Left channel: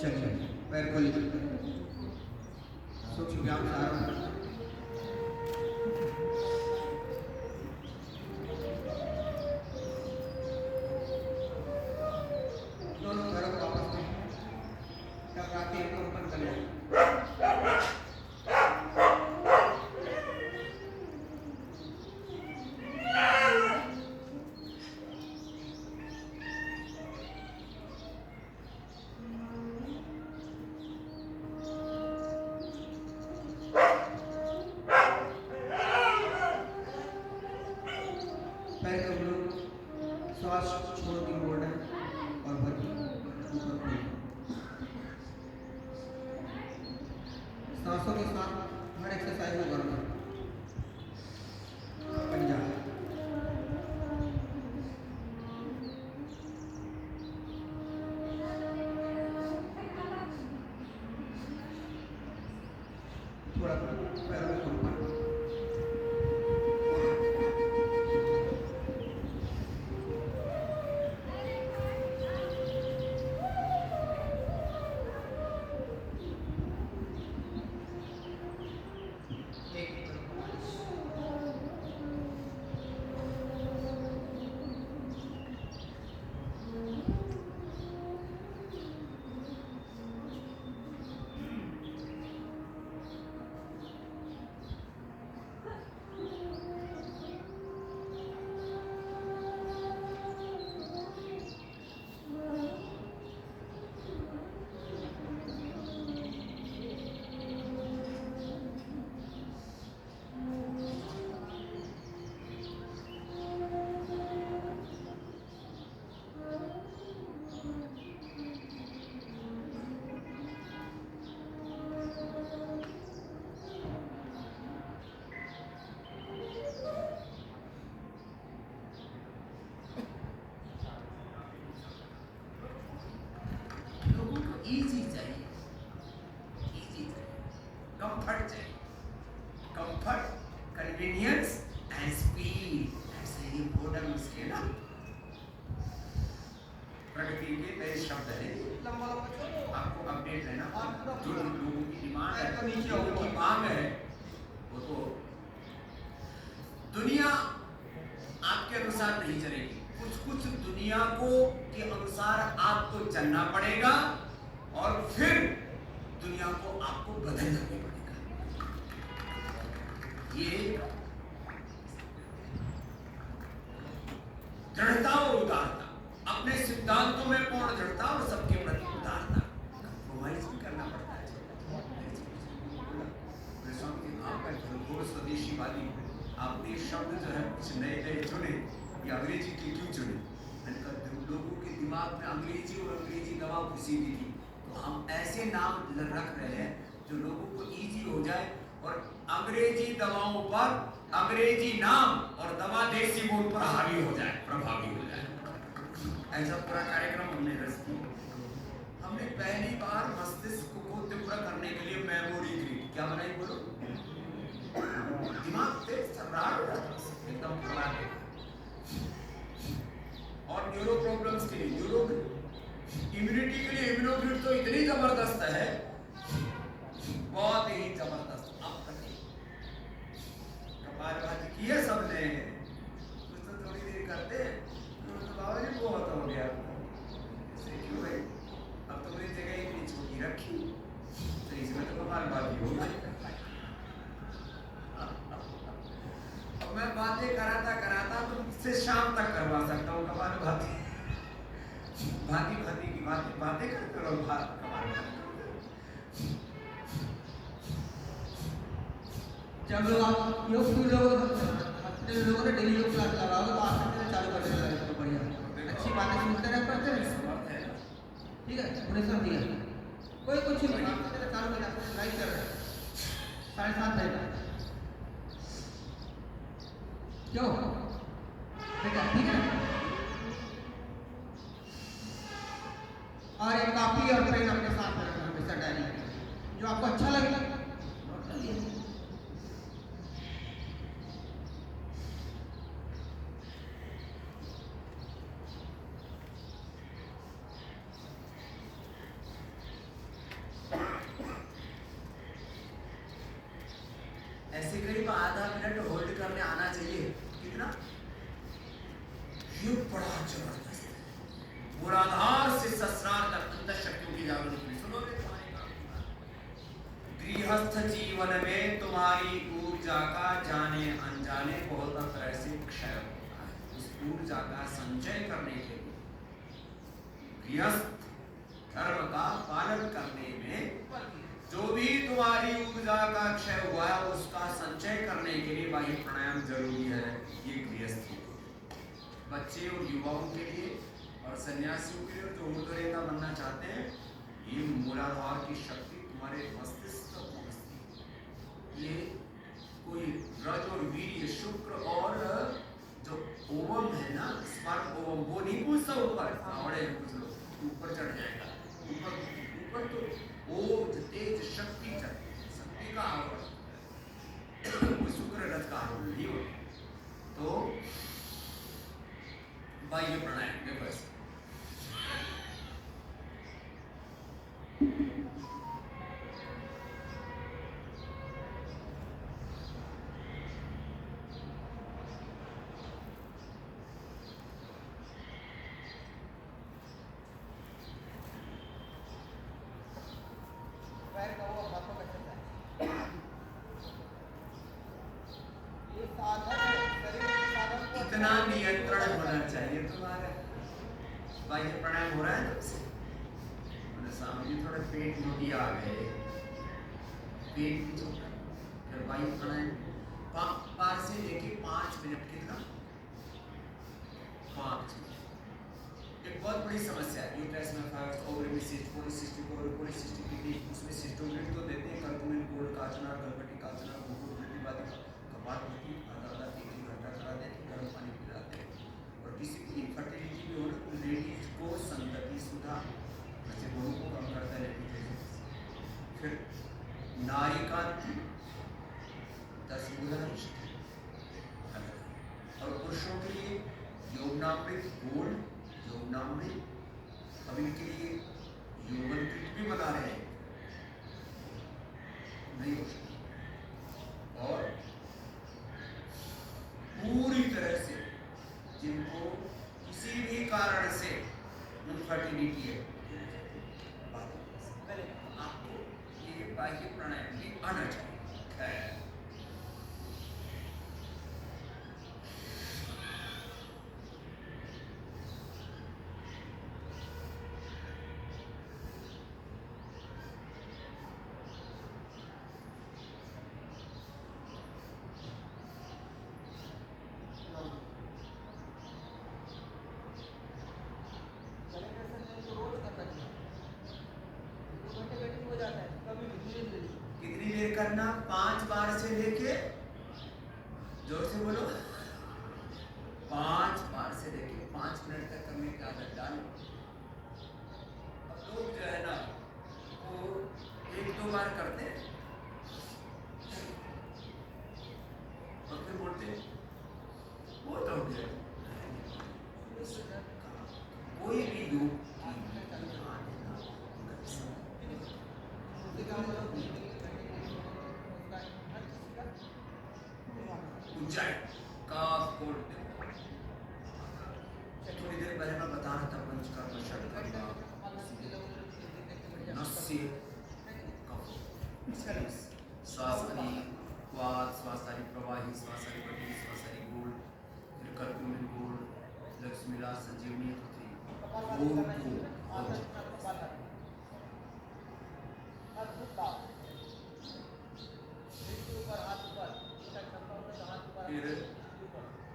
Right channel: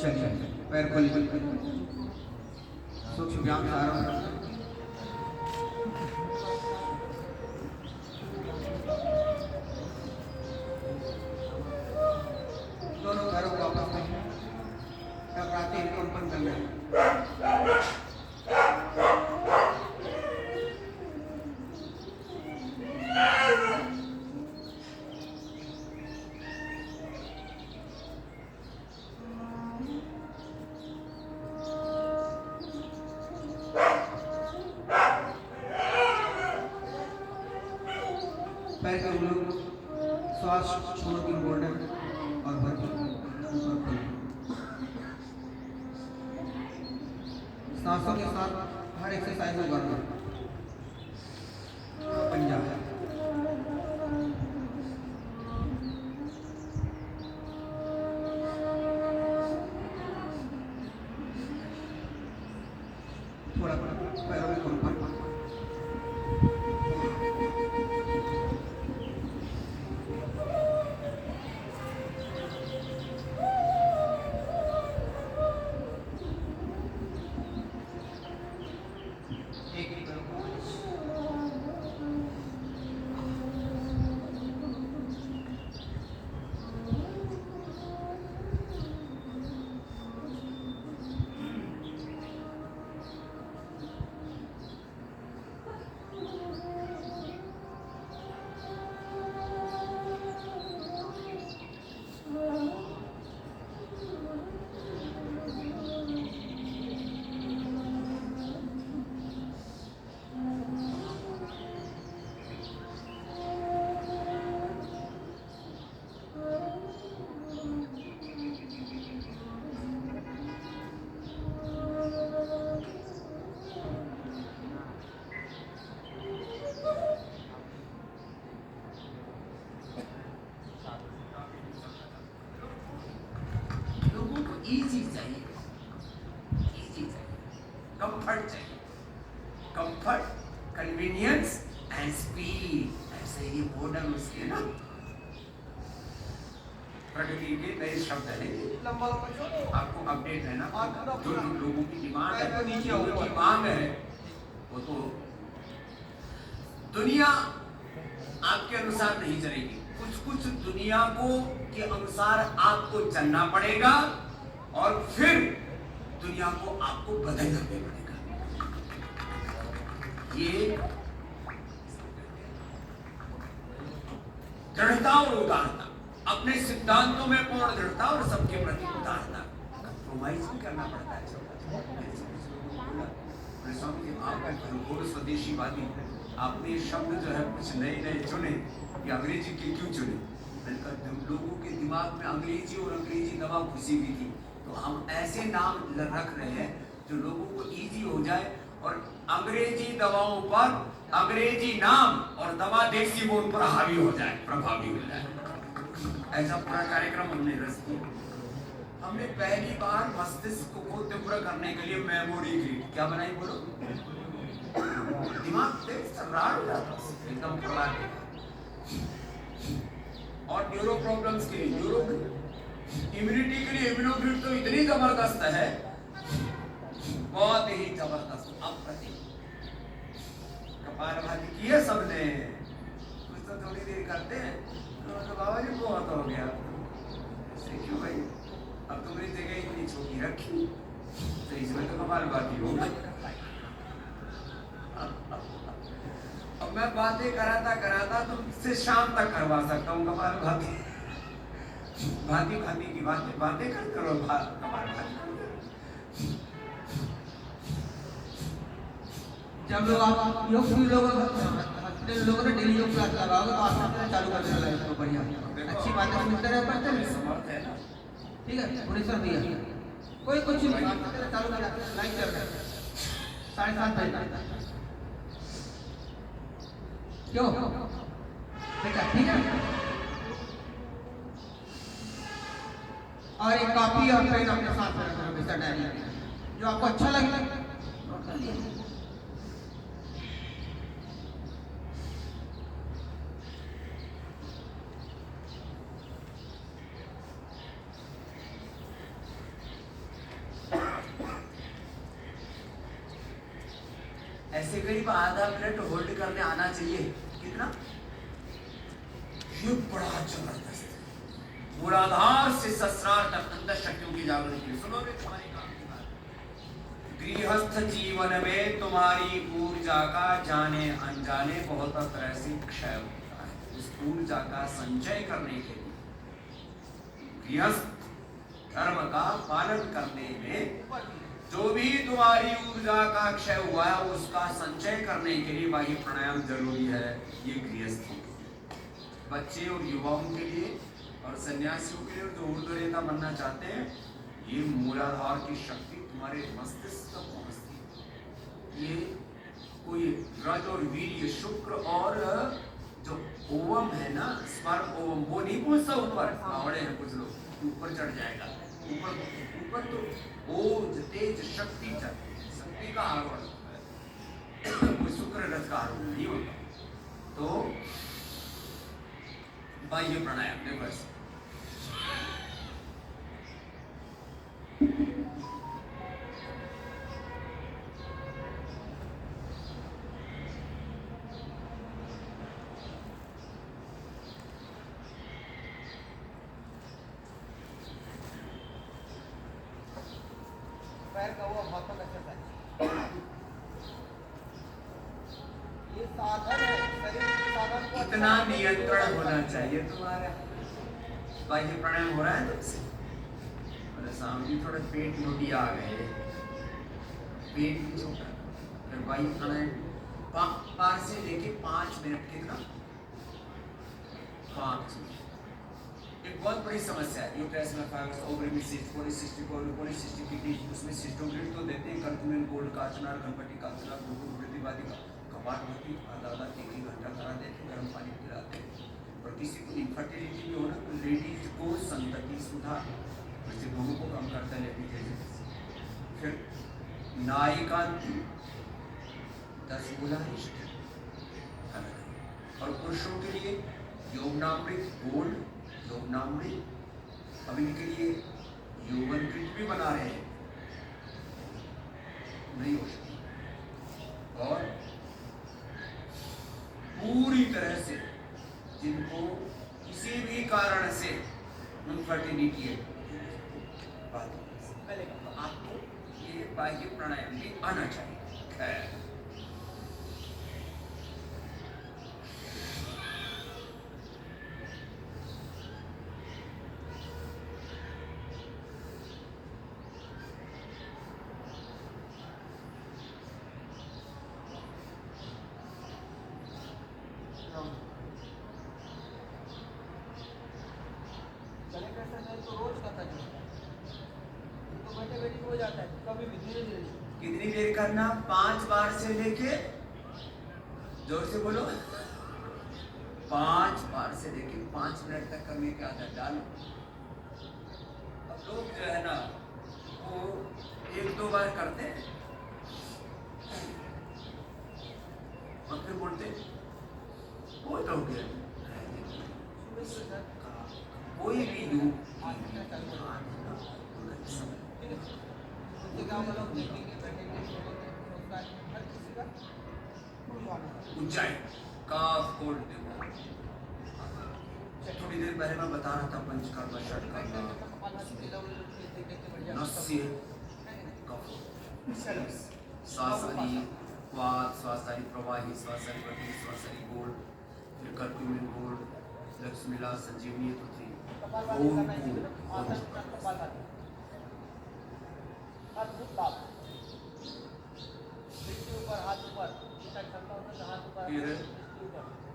चलिए पैर खोलिए, सूक्ष्म व्यायाम सारा दोनों पैरों को आपस में टकराते हैं, कंपन कर लें। पैर के लोग श्वास छोड़ के मोड़ना और भरपूर ऊपर खोलिए। सांसों के साथ हर एक्सरसाइज को करना बन जाए। थोड़ा पैरों में कंपन इजी चाहिए, कंफर्ट चाहिए, कंफर्ट, कन्वीनियंस एंड स्पीड। ऐसे ही मॉडर्न उसके ना प्रगति के नए शब्द है। आपको अपडेट है ना, जो लोगों की डिमांड है, लोगों की मांग है, वो तो दुनिया आपके अनुसार नहीं चलेगी। कुछ कुछ दुनिया को के अनुसार आपको चलना पड़ेगा और फिर दुनिया को आपको बदलना पड़ेगा। ये दृढ़ता और उदारता, अपने सिद्धांतों में पूर्ण दृढ़ता और सबके प्रति उदारता, कंप्रोमाइज भी करना पड़ता है। स्वामी जी आपका घोर स्वदेशीवादी, आपने शब्द जो है कुछ नए नए चुने कि अंग्रेजी के क्यों चुने? लोगों के दिमाग में अंग्रेजी और अंग्रेजी दवा घुसी हुई थी, तो हम ऐसे नाम रख रहे हैं जो लोगों को इजी हो जाए और अंग्रेजी दवाओं पर अंग्रेजी नाम और दवा देसी बोल पर हावी हो जाए, प्रभावी हो जाए। ऐसा पूरा कार्यक्रम हमने रच किया। हमने पहली बार मस्तिष्क को तीव्र करने के लिए मेमोरी ग्रिड क्या बनाई, बोलो? दिमाग तेज चल रहा है एकदम प्रभावी। और न्यूरो प्रॉब्लम्स के लिए न्यूरो, इम्यूनिटी के लिए इम्यूनोग्रिड तो इतनी जबरदस्त है, बहुत ही जबरदस्त। अब कपालभाति की है सबने, कुछ तो थोड़ी देर करते हैं तो बाबा जी बहुत हो गया, क्यों भाई? अब तुमने जगह इतनी छोटी रखी तो इसमें तो कपालभाति हो गई। अब मैं बातें कराता कराता तुमसे शाम तक करवा सकता हूँ कपालभाति, भांति भांति की बातें करते रहो। जब लोग आप योग लोगों ने डेली योग क्लास लगाओगे तो आप चालू कर देना तो बढ़िया, अच्छी बातें सुनते रहे, पढ़ते रहे, ठीक है? भुवनेश्वर भैया कोई कुछ चालू कर लाइक कर 7:30 बजे क्यों? ठीक है, ठीक है। और एक कॉपी और पेन अपने साथ रखना, डायरी जो आपको अच्छा लगे नोट कर लीजिए। ऐसे करीब आधा मिनट होल्ड करने आना चाहिए। कितना? ये बड़ा जबरदस्त है। मूलाधार से सहस्रार तक अंदर शक्तियों की जागृति। सुनोगे तुम्हारे काम की बात। गृहस्थ जीवन में तुम्हारी ऊर्जा का जाने अनजाने बहुत तरह से क्षय होता है। उस ऊर्जा का संचय करने के लिए गृहस्थ धर्म का पालन करने में जो भी तुम्हारी ऊर्जा का क्षय हुआ है उसका संचय करने के लिए बाह्य प्राणायाम जरूरी है। ये गृहस्थी बच्चे और युवाओं के लिए और सन्यासियों के लिए जो ऊर्ध्वरेखा बनना चाहते हैं, ये मूलाधार की शक्ति तुम्हारे मस्तिष्क तक पहुंचती है। ये कोई रज और वीर्य शुक्र और जो ओवम है ना, स्पर्म ओवम, वो नहीं पहुंचता ऊपर। आवड़े हैं कुछ लोग, ऊपर चढ़ जाएगा। ऊपर तो ओज तेज शक्ति चाहिए, शक्ति का आरोहण, कोई शुक्र रज का आरोहण नहीं होता। तो बाह्य प्राणायाम देखो ऐसे पैर का हुआ हाथों का चलता है। ये साधन है, शरीर के साधन को इतना नियंत्रण होना चाहिए तुम्हारा। बाह्य प्राणायाम हो रहा है तो मेरे सामने थोड़ा पेट मोटी आ गए, पेट भी छोटा। फिर बाह्य प्राणायाम 5 से लेके 5 मिनट, कितना? 5 मिनट। एक बहुत बड़ी समस्या है यूट्रस में फाइब्रोइड्स, ओवरी में cyst, polycystic ovary, polycystic kidney, उसमें सिस्टोमेगाली तो देते हैं, कर्कुमिन, गोल्ड, काचनार, गणपति, काचनार, गुरुकुल, गुरुवादी कपाट होती, आधा 1 घंटा करा देते, गर्म पानी पिलाते हैं। और किसी को इनफर्टिलिटी भी हो ना, तो लेडीज को संतति सुधार, जैसे बहू को कम करता है लेडीज। फिर नायिकांति 10 मूलाधार और पुरुषों के लिए यौवनामृत गोल्ड, यौवनामृत। अब इनके लिए यौवन किट भी बना रहे हैं, नहीं हो सकती। और पूरी तरह से जिनको किसी भी कारण से इनफर्टिलिटी है, आपको ये बाह्य प्राणायाम भी आना चाहिए। कितनी देर करना? 5 बार से लेके, जोर से बोलो, 5 बार से लेके 5 मिनट तक करने की आदत डालो। अब लोग जो है ना वो 1-2 बार करते हैं और फिर बोलते वो तो हो गया। कोई भी योग ऊंचाई काफ कोड थोड़ी देर पहले मैं बता रहा था, पंचकर्म, षटकर्म, नस्य, श्वासाली वात, श्वासाली प्रवाही, श्वासाली बटी, श्वासाली गोल्ड, फिर कर्कुमिन गोल्ड, लक्ष्मीला, संजीवनी पृथ्वी,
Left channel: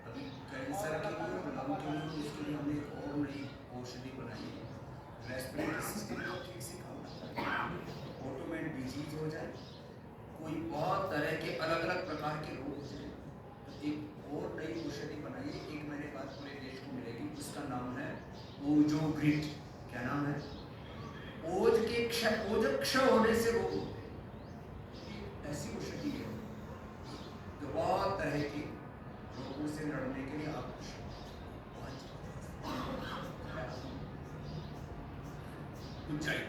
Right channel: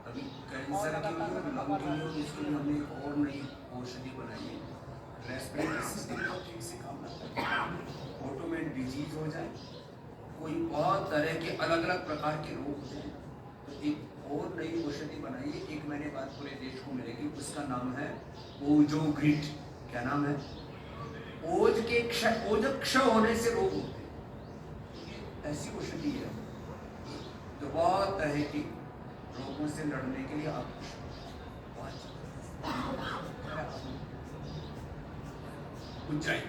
अभी कैंसर के लिए और लंग के लिए उसके लिए हमने एक और नई औषधि बनाई है। रेस्पिरेटरी सिस्टम को ठीक से काम करता है, ऑटोमेट डिजीज हो जाए, कोई बहुत तरह के अलग अलग प्रकार के रोग हो जाए, तो एक और नई औषधि बनाई है। 1 महीने बाद पूरे देश को मिलेगी। उसका नाम है ओजोग्रिड। क्या नाम है? ओज के क्षय, ओज क्षय होने से रोग होते हैं। ऐसी औषधि है तो बहुत तरह के रोगों से लड़ने के लिए आप ऊंचाई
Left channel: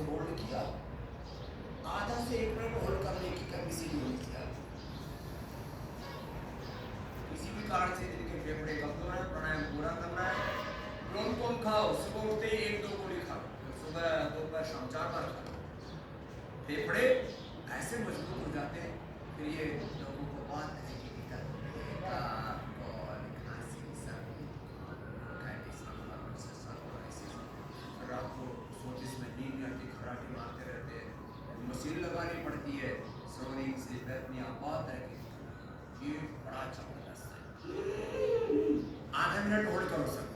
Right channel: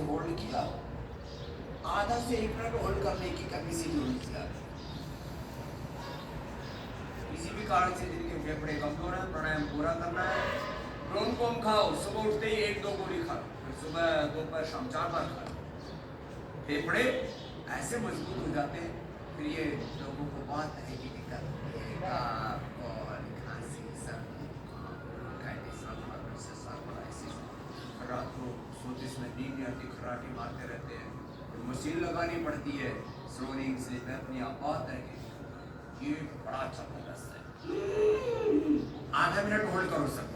ऐसे होल्ड किया, आधा से 1 मिनट होल्ड करने की कैपेसिटी होनी चाहिए। किसी भी कारण से जिनके फेफड़े कमजोर है, प्राणायाम पूरा करना है। ब्रोंकोम खाओ, सुबह उठते ही 1-2 गोली खा लो, सुबह दोपहर शाम 4 बार खा लो। फेफड़े ऐसे मजबूत हो जाते हैं। फिर ये लोगों को बहुत तरह की दिक्कत होती है, खांसी, सर्दी, रात को सोते समय नींद नहीं आती, खराटी मारते रहते हैं, मशीन लगानी पड़ती है, स्नोरिंग से अपनी बहुत तरह की। ये बड़ा जबरदस्त है। आधा मिनट होल्ड करो सब।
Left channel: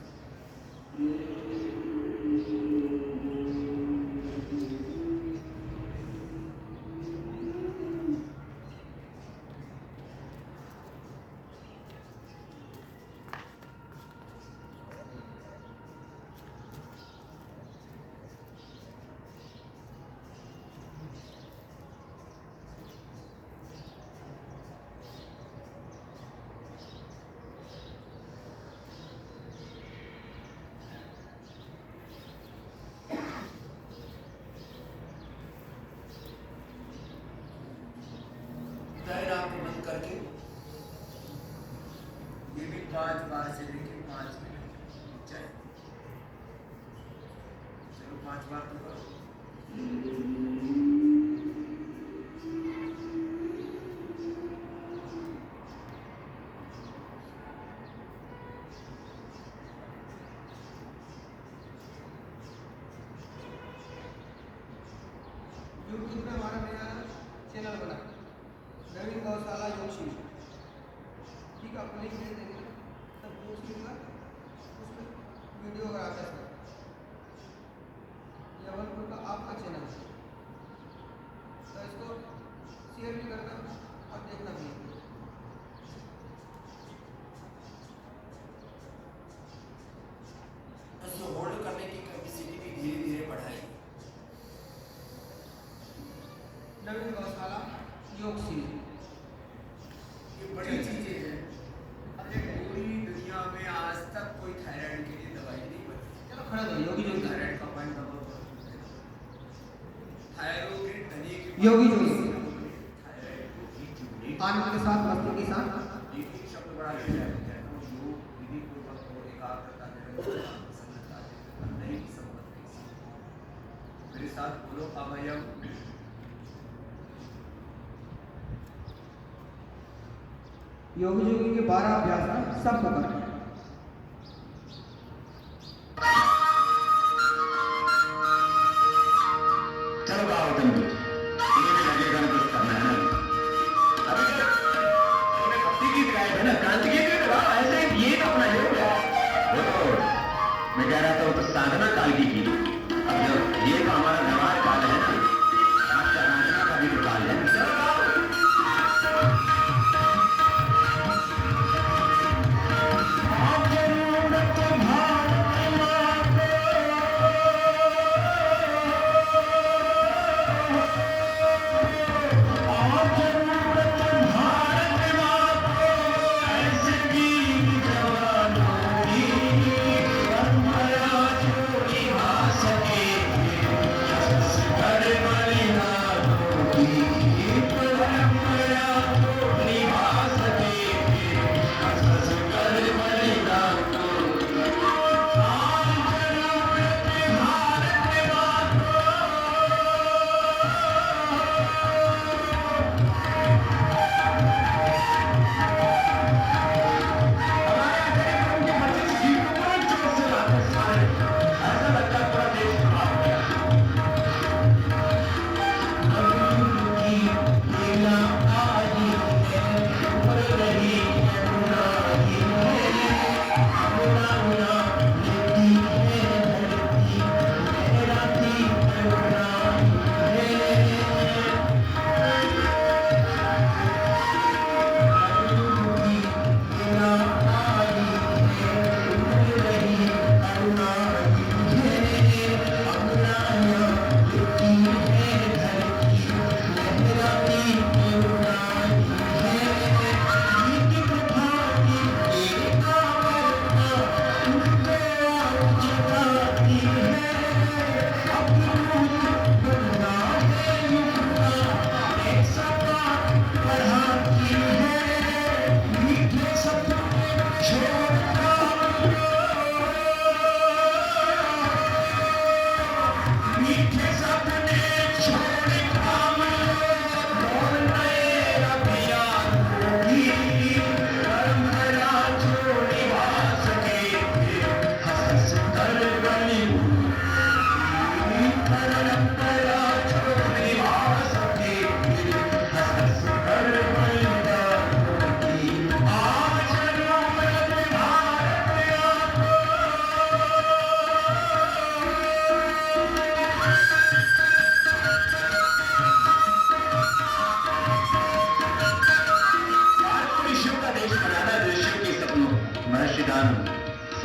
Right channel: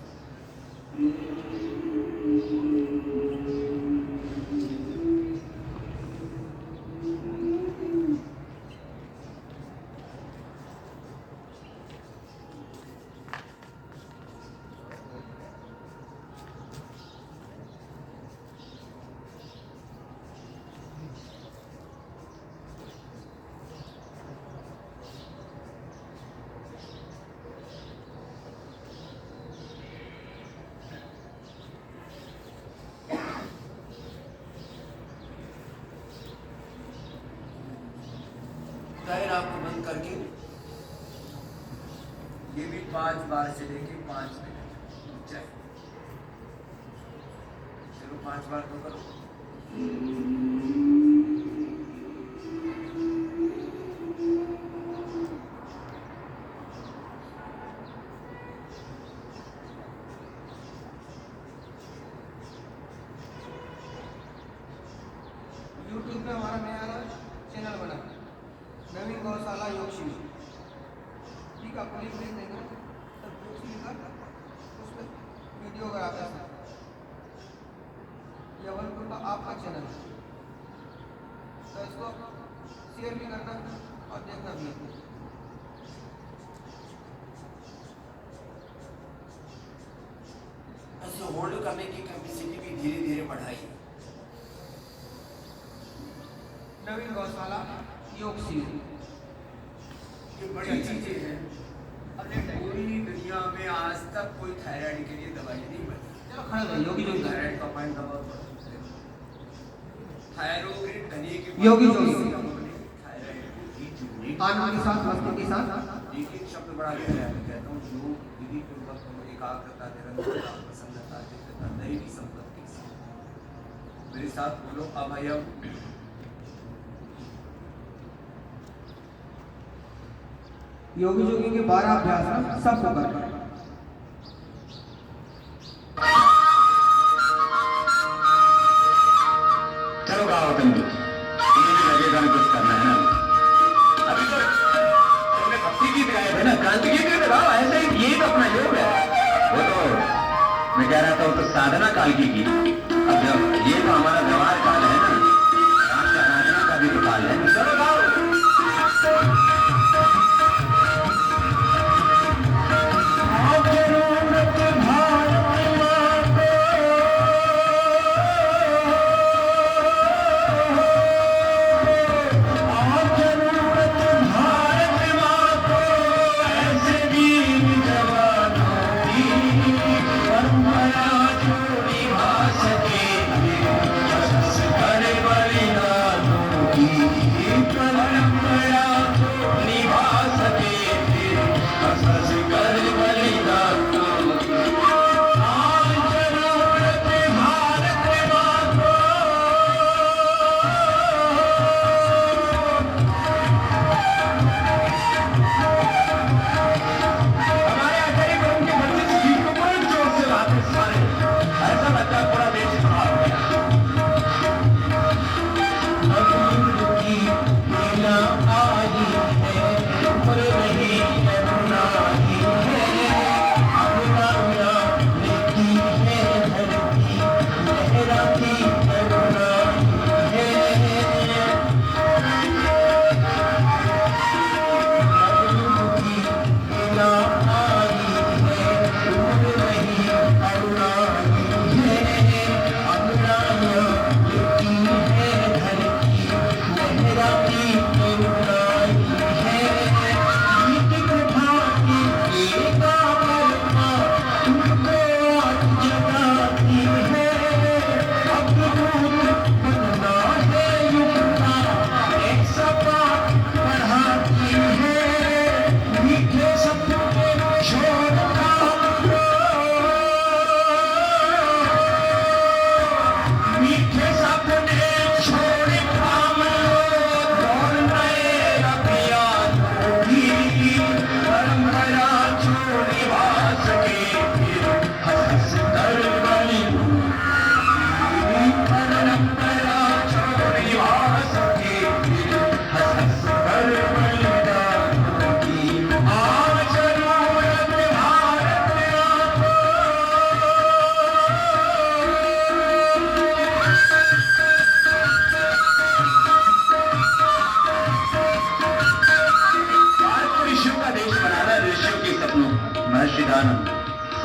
जाहिर आपको बंद करके ये भी 5 बार से लेके 5 मिनट रुक जाए। चलो 5 बार तो करो। यूट्यूब पे हमारा नया चैनल बना है, नवीन गौशाला योग शिविर। ठीक है, आपको लिंक भेज देंगे, तब योग शिविर का उसमें वीडियो का आता है। यवनपुर का आपका चैनल है, तो इसको शेयर भी करना और देखना भी है। उसको होल्ड करने की कैपेसिटी भी धीरे धीरे बढ़ाई। नवीन गौशाला योग शिविर ये बड़ी चीजें हैं। पूरी दुनिया में आज तक कोई थायराइड के लिए दवाई नहीं बनी। चलो खड़े हो, योगी योगी थायराइड का पॉइंट दबा दो। थायरोइड धनिये के योगी योगी थायराइड आनंद के साथ, मस्ती के साथ। एक शब्द बड़ा गहरा है, कहता हूँ योग विधि पूर्वक हो, एकाग्रता, निरंतरता, प्रसन्नता, चित्तता, दैवी संपत्ति से। मेरे साथ बोलो अभयम। योगी योगी के 12 अभ्यास सबको करना। चलो गाओ तुम भी, तुम्हें भी लगेगा ना कुछ करना है ना। अभी तो हमने भक्ति गीत गाए थे ना, क्रांति गीत भी तो गाओ, ऐसे ही यही तो अपना योग है। वो तो मैं कह रहा था, वो तो साधना काल की थी। अब जब ये तो हमारा व्यवहार काल है ना, राष्ट्र आराधना का भी तो काल है। चलो गाओ। परंपरा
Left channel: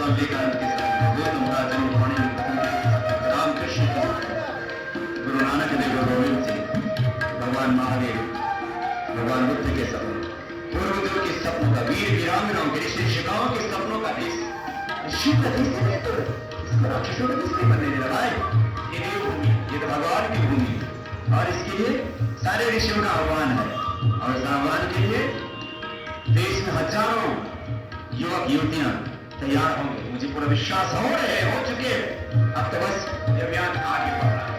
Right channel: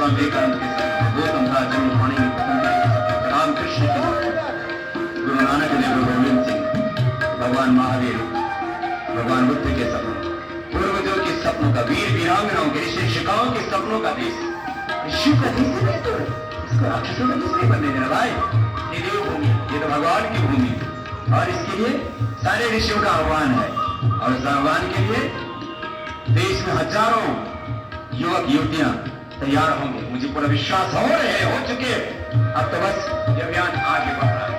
विवेकानंद के सपने, गौतम का जन्म होने में पसंद, रामकृष्ण के, गुरु नानक देव, गुरु गोविंद सिंह, भगवान महावीर, भगवान बुद्ध के सपने, पूर्वजों के सपनों का, वीर वीरांगनाओं के, शिक्षिकाओं के सपनों का देश, शिव का देश नहीं तो इसको राक्षसों का देश नहीं बनने देना भाई। ये देवभूमि, ये तो भगवान की भूमि, और इसके लिए सारे ऋषियों का आह्वान है, और इस आह्वान के लिए देश में हजारों युवक युवतियां तैयार होंगे, मुझे पूरा विश्वास हो रहे हो चुके। अब तो बस ये अभियान आगे बढ़ रहा है।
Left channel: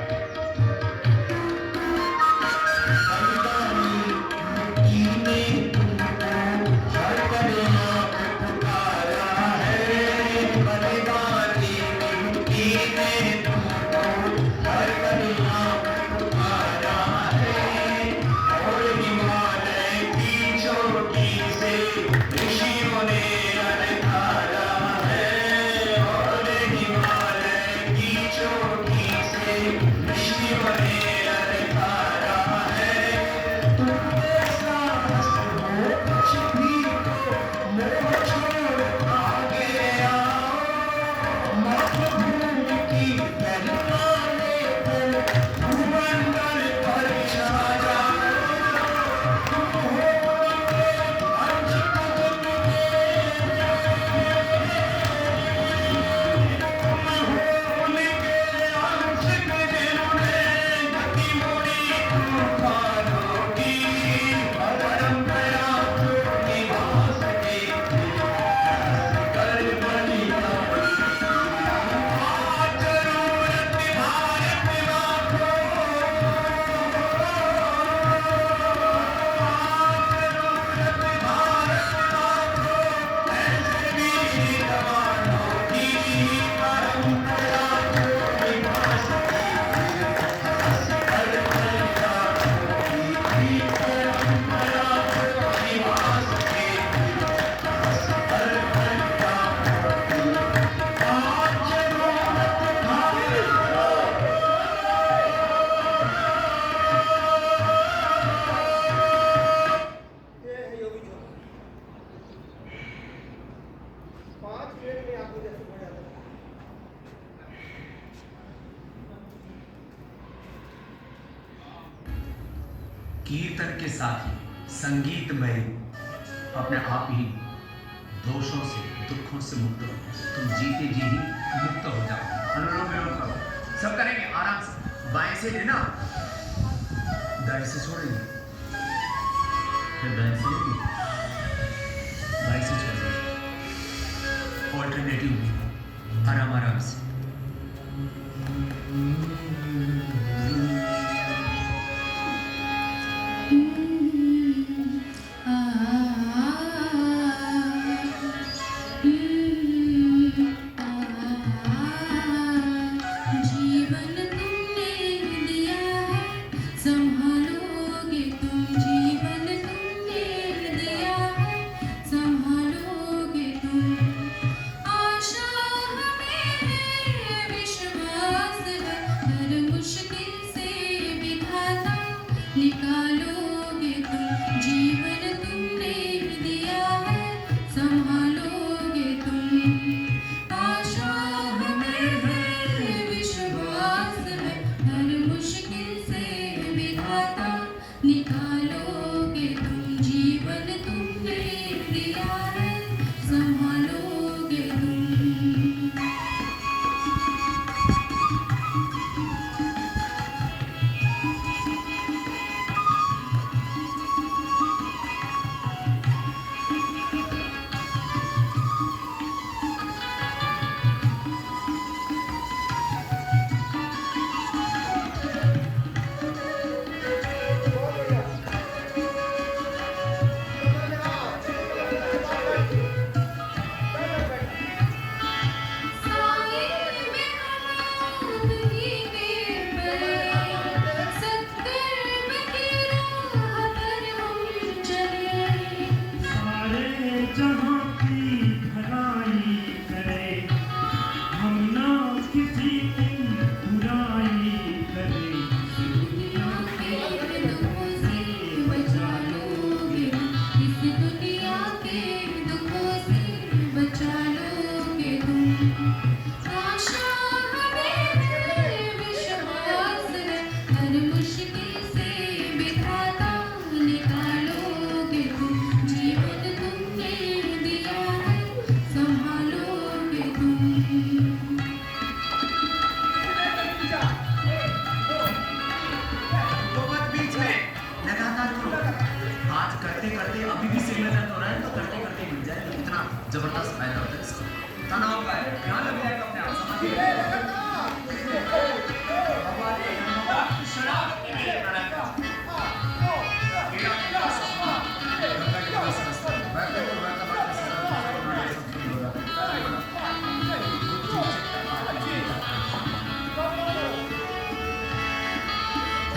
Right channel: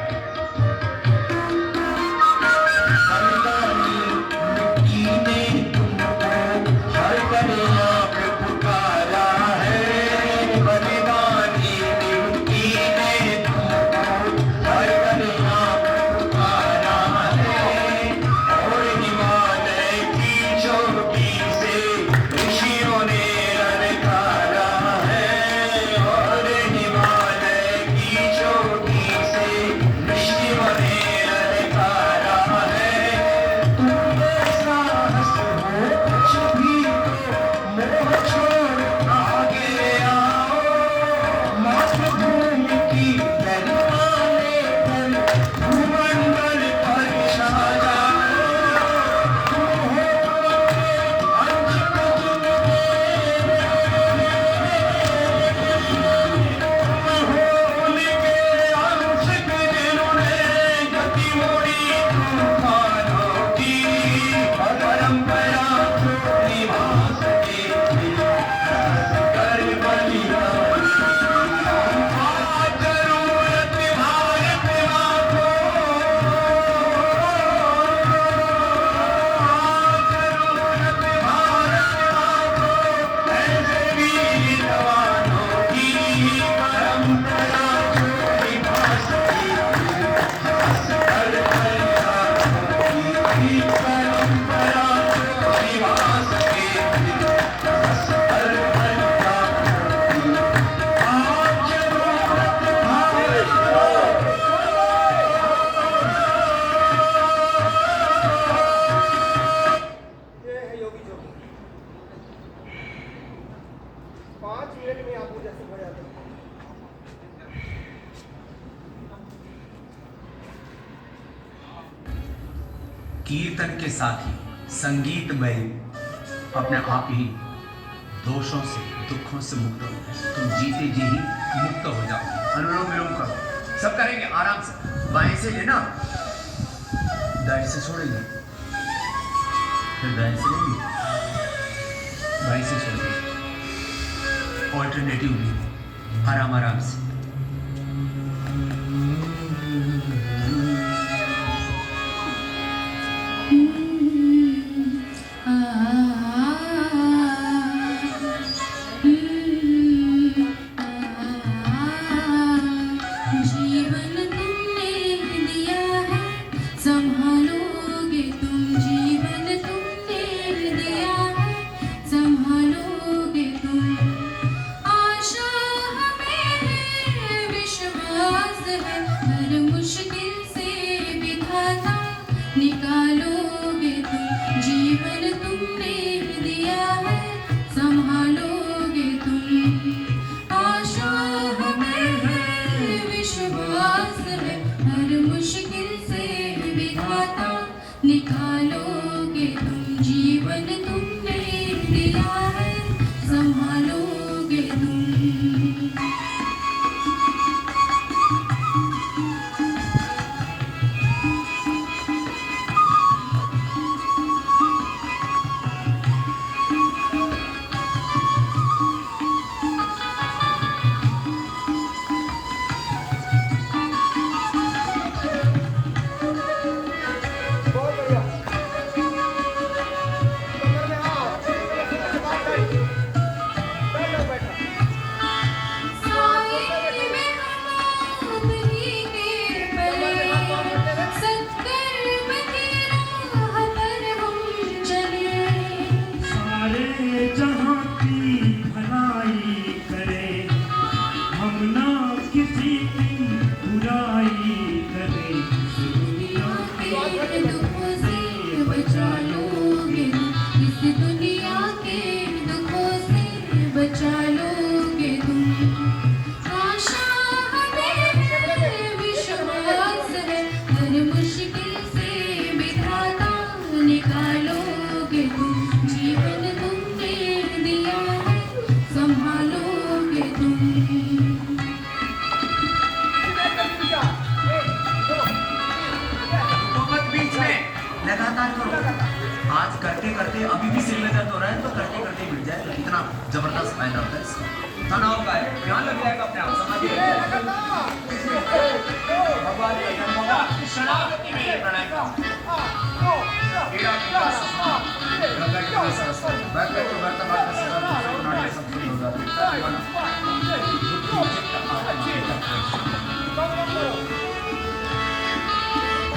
कीर्तन के साथ ही संगीत में अपने आप ही दोषों से, दुखों से मुक्त हो, तुम जीते जी ही मुक्त हो जाओ। अनुलोम विलोम करो, सब करेंगे आराम से। बाएं से लेना, दाएं से छोड़ेंगे, फिर दाएं से लेंगे, बाएं से छोड़ेंगे, ऑल्टरनेटिव भी आराम आराम से। आशा हमें है आशा हमें विश्वास है, हर मुश्किल से विधाता निकालोगे तुम, जीवन तुमने दिया है संभालोगे तुम। तो मत बीच में, लगातार करो। आज करते करते अभी भी सिर में दर्द हो रहा है तो करते करते मिट जाएगा। कितना जबरदस्त फायदा होता है इसका। तनाव का है, ध्यान लग जाएगा अपने आप, समाधिए। भगवान के धन्यवाद, शरणागति में प्रणय। बैठते तो बैठता बात सब शुरू हो जाती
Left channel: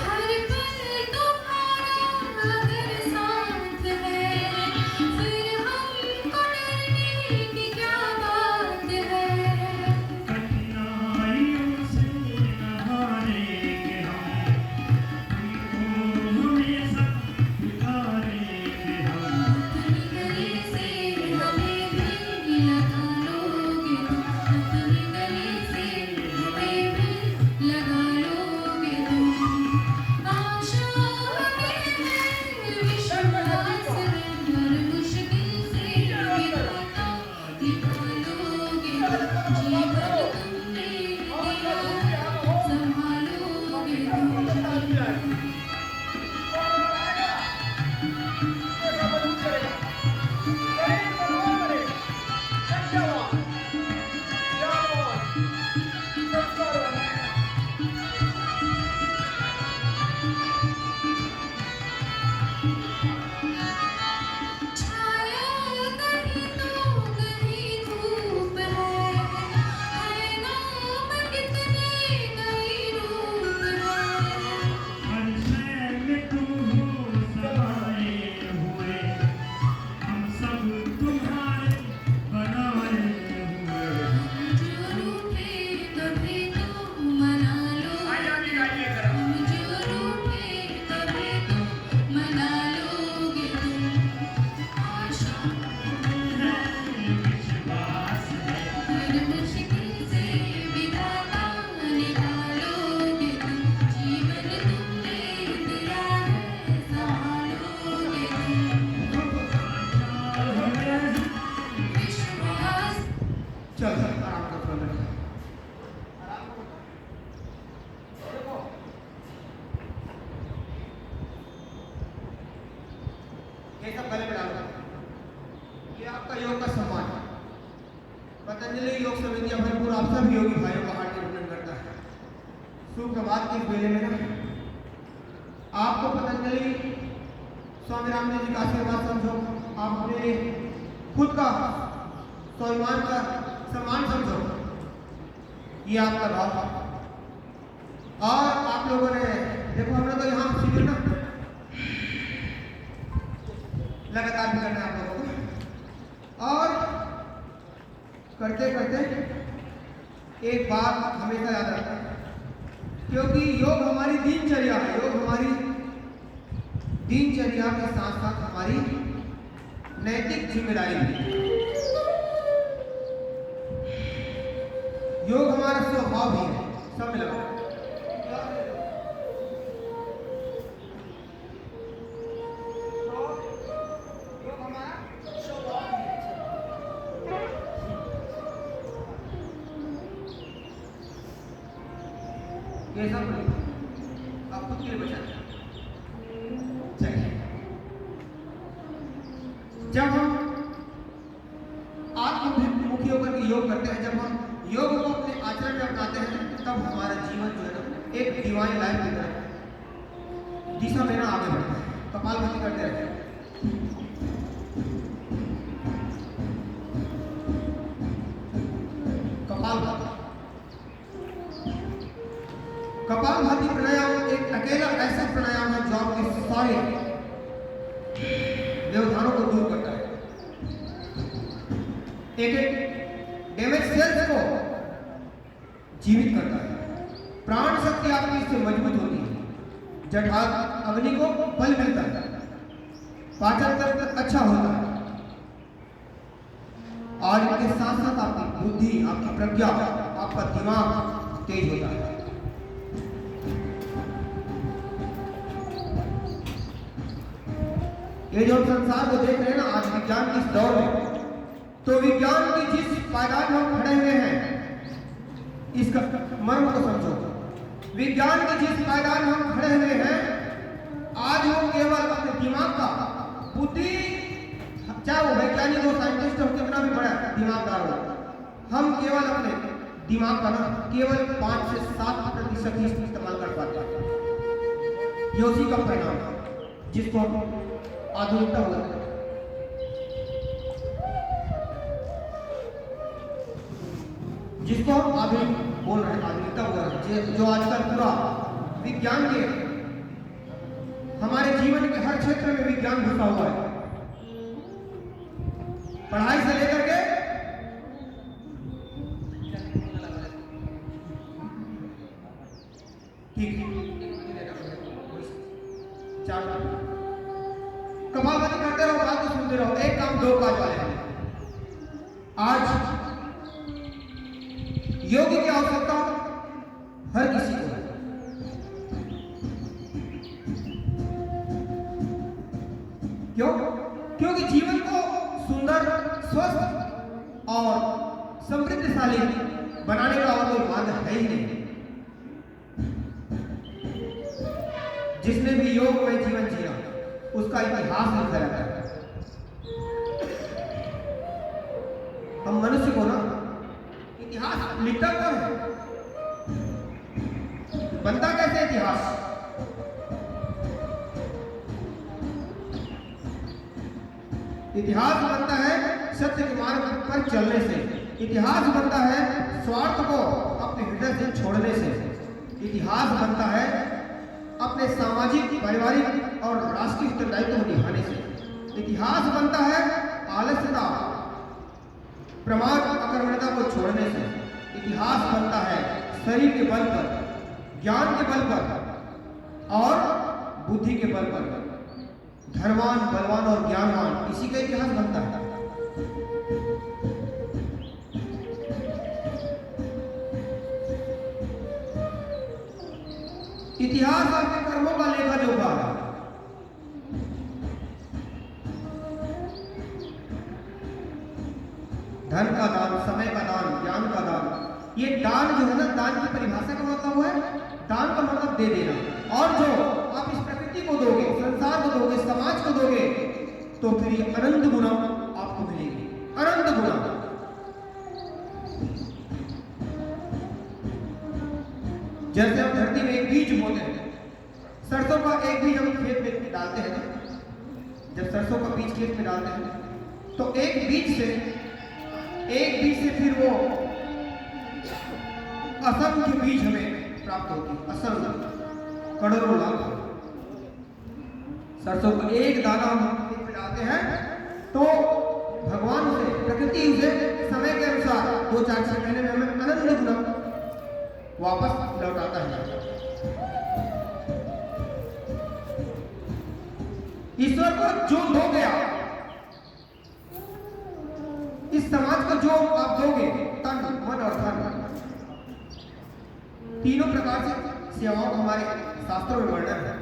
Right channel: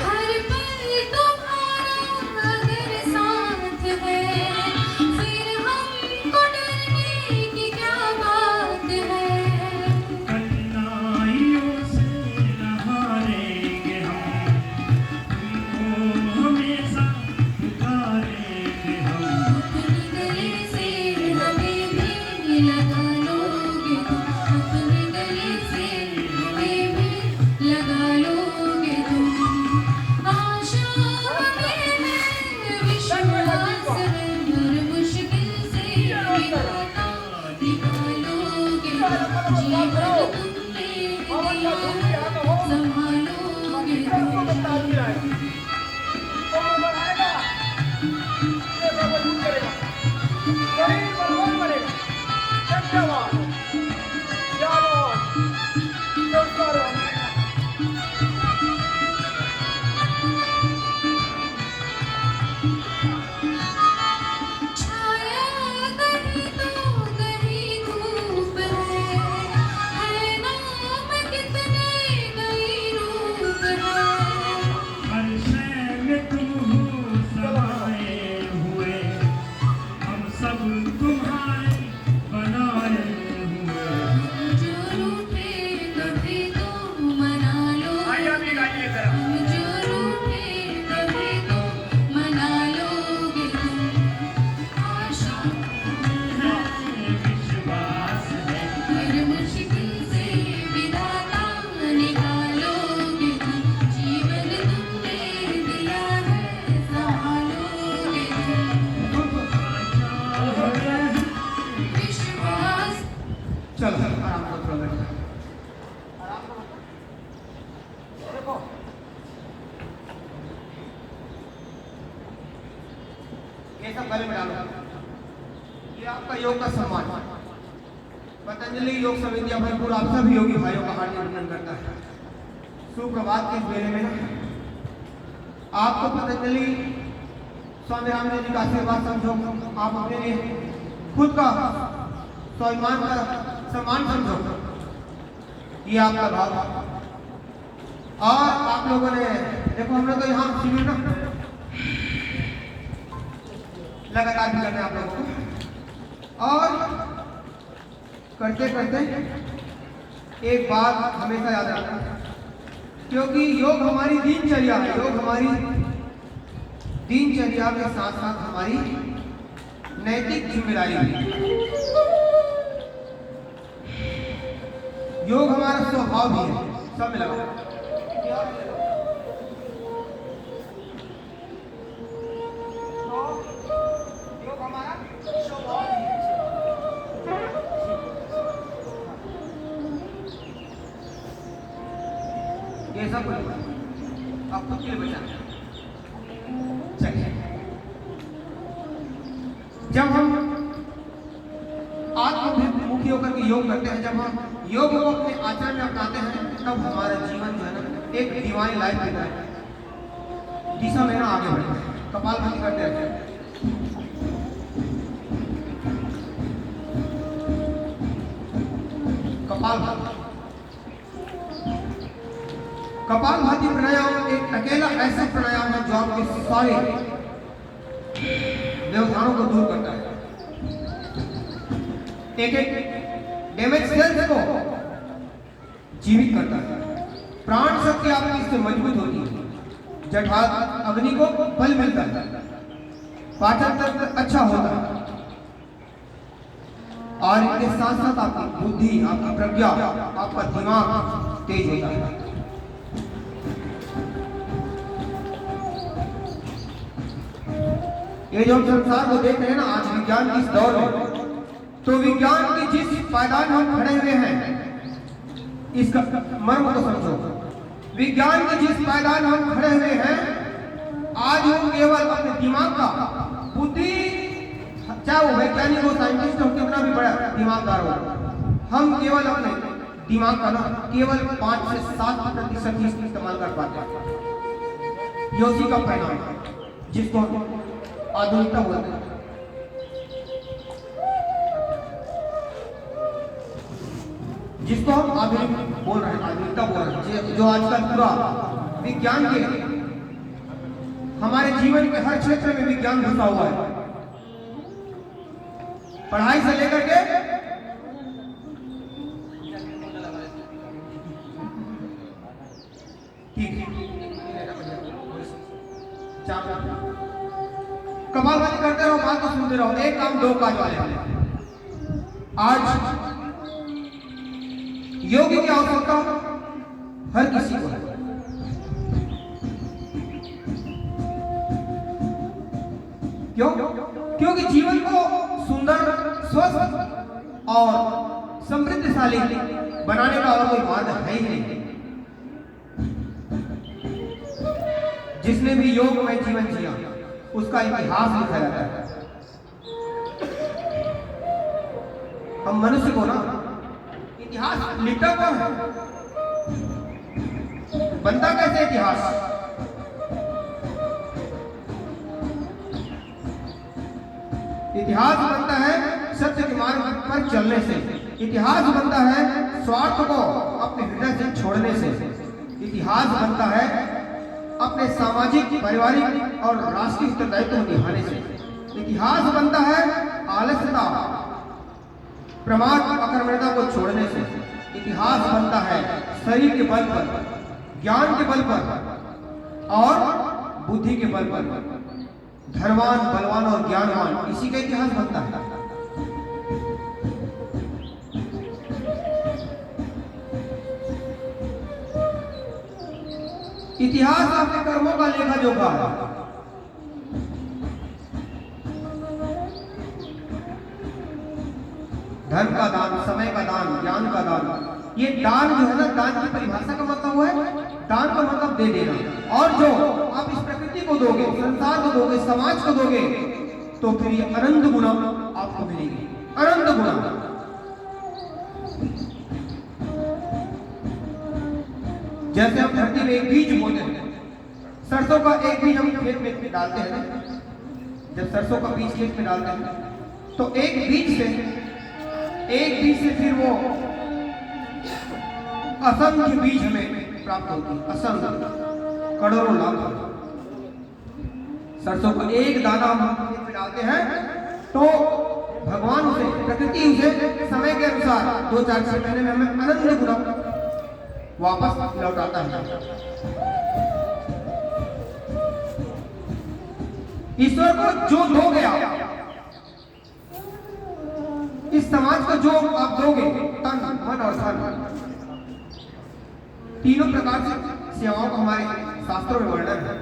हर पल तुम्हारा अगर साथ है, फिर हमको डरने की क्या बात है। कठिनाइयों से हारेंगे हम, तुमको हमेशा पुकारेंगे हम। अपनी गली से हमें भी लगा लोगे तुम, अपनी गली से हमें भी लगा लोगे तुम। आशा हमें विश्वास है, हर मुश्किल से विधाता निकालोगे तुम, जीवन तुमने दिया संभालोगे तुम। छाया कहीं तो कहीं धूप है नाम कितने कई रूप है। हर शय में तुम हो समाए हुए, हम सब तुम्हारे बनाए हुए। जो रूठे कभी तो मना लोगे, हम जो रूठे कभी तो मना लोगे तुम। आशा विश्वास है, हर मुश्किल से विधाता निकालोगे तुम, जीवन तुमने दिया है संभालोगे तुम। विश्वास चल आराम कर थोड़ा बैठ। आराम करो। देखो ये सब गले में डालो। ये आपका योग का सम्मान। पतंजलि योग समिति अभरपुर आप सभी योगी भाइयों का हार्दिक अभिनंदन करता है। सुप्रभात के इस बेले में ना आपको पतंजलि स्वामी रामदेव जी का आशीर्वाद समझो। आप अपने लिए खुद का स्वाभिमान का सम्मान समझो। ये आपका भाव। और आप लोगों ने देखो, हमने तो यहाँ शिविर ना लगातार भी करना है आप लोगों को। और करते करते एक बात हमेशा याद रखना, क्योंकि योग हमारी दिनचर्या है। योग हमारी दिनचर्या के साथ साथ हमारी नैतिक जिम्मेदारी है। योग हमारा स्वभाव भी है। सब मिला योग हमारा स्वभाव भी है। ये सब आप खुद के लिए बचा। चलिए, जब हम आत्ममुखी होकर के योग करते हैं, जब हम योग को अपने आचरण में अपनाते हैं, तब हमारा जीवन जो है ना एक डिवाइन लाइफ की तरह दिशा में ना आगे बढ़ता है। कपालभाति करते रहते हैं। कपालभाति प्राणायाम एक अकेला ऐसा प्राणायाम है जो आपके सारे व्यवधानों को दूर करता है। एक डैमेज सेल्स को जीवित करता है। प्राण शक्ति आपकी इससे मजबूत होती है। जठराग्नि अग्नि को बल मिलता है। पाचन तंत्र अच्छा होता है। और इनके साथ साथ आपकी बुद्धि, आपकी प्रज्ञा, आपका दिमाग तेज होता है। ये जो हम संसार को देख रहे हैं ना आज विज्ञान की इस दौर में, तो विज्ञान की जिस पायदान में हम खड़े हुए हैं इसका मर्म को समझो। विज्ञान की जिस पायदान में हम खड़े हुए हैं आज वो केवल अपने दिमाग का, बुद्धि, चाहे वो वैज्ञानिक हो, साइंटिस्ट हो, कितना भी बड़ा दिमागदार हो, हम केवल अपने दिमाग का ना केवल 5 से 7% ही इस्तेमाल कर पाते हैं। ये उसी का परिणाम है जिसको हम आधुनिकता बोलते हैं। जिसको हम आधुनिक बोल रहे हैं, आधुनिकता बोल रहे हैं, जो आजकल पूरा विज्ञान के हमारे जीवन के हर क्षेत्र में विज्ञान घुसा हुआ है, पढ़ाई से लेकर के कमाल करते रहो, बात को सुनते रहो, एक काम दो काज वाले हैं। आज योग की आवश्यकता हर किसी को है। क्यों? क्योंकि जीवन को सुंदर, स्वस्थ और समृद्धशाली बनाने का और कोई मार्ग है ही नहीं। जिसने भी योग में जीवन जिया उसका इतिहास लिखा जाता है। हम मनुष्य को ना इतिहास लिखता कौन है? बनता कैसे इतिहास? इतिहास बनता है सत्य के मार्ग पर चलने से। इतिहास बनता है स्वार्थ को अपने हृदय से छोड़ने से। इतिहास बनता है अपने सामाजिक, पारिवारिक और राष्ट्रीय उत्तरदायित्व को निभाने से। इतिहास बनता है आलस्यता, प्रमाद, अकर्मण्यता को छोड़ने से। इतिहास बनता है शरीर के बल पर, ज्ञान के बल पर और बुद्धि के बल पर। धनवान, बलवान और ज्ञानवान, इसी का इतिहास बनता है। इतिहास आपके कर्मों का लेखा जोखा है। धन का दान, समय का दान, ज्ञान का दान, ये दान जो है ना, दान की परिभाषा का मतलब हुआ है दान का मतलब दे देना। और जो आप इस प्रकृति को दोगे, संसार को दोगे, समाज को दोगे, तो फिर ये अनंत गुना आपको मिलेगी, अनंत गुना। जैसे हम धरती में एक बीज बोते हैं, सरसों का एक बीज हम खेत में डालते हैं ना, जब सरसों का बीज खेत में डालते हैं तो एक बीज से फिर वो असंख्य बीज हमें प्राप्त होती है, असंख्य, करोड़ों लाख। सरसों का एक दाना हम खेत में डालते हैं तो भगवान उसे, प्रकृति उसे समय के अनुसार 2-4 महीने में हमें अनंत गुना वापस लौटाता है। ईश्वर को जो दोगे आप, इस समाज को जो आप दोगे, तन, मन और धन, तीनों प्रकार से सेवाओं का हमारे शास्त्रों में वर्णन है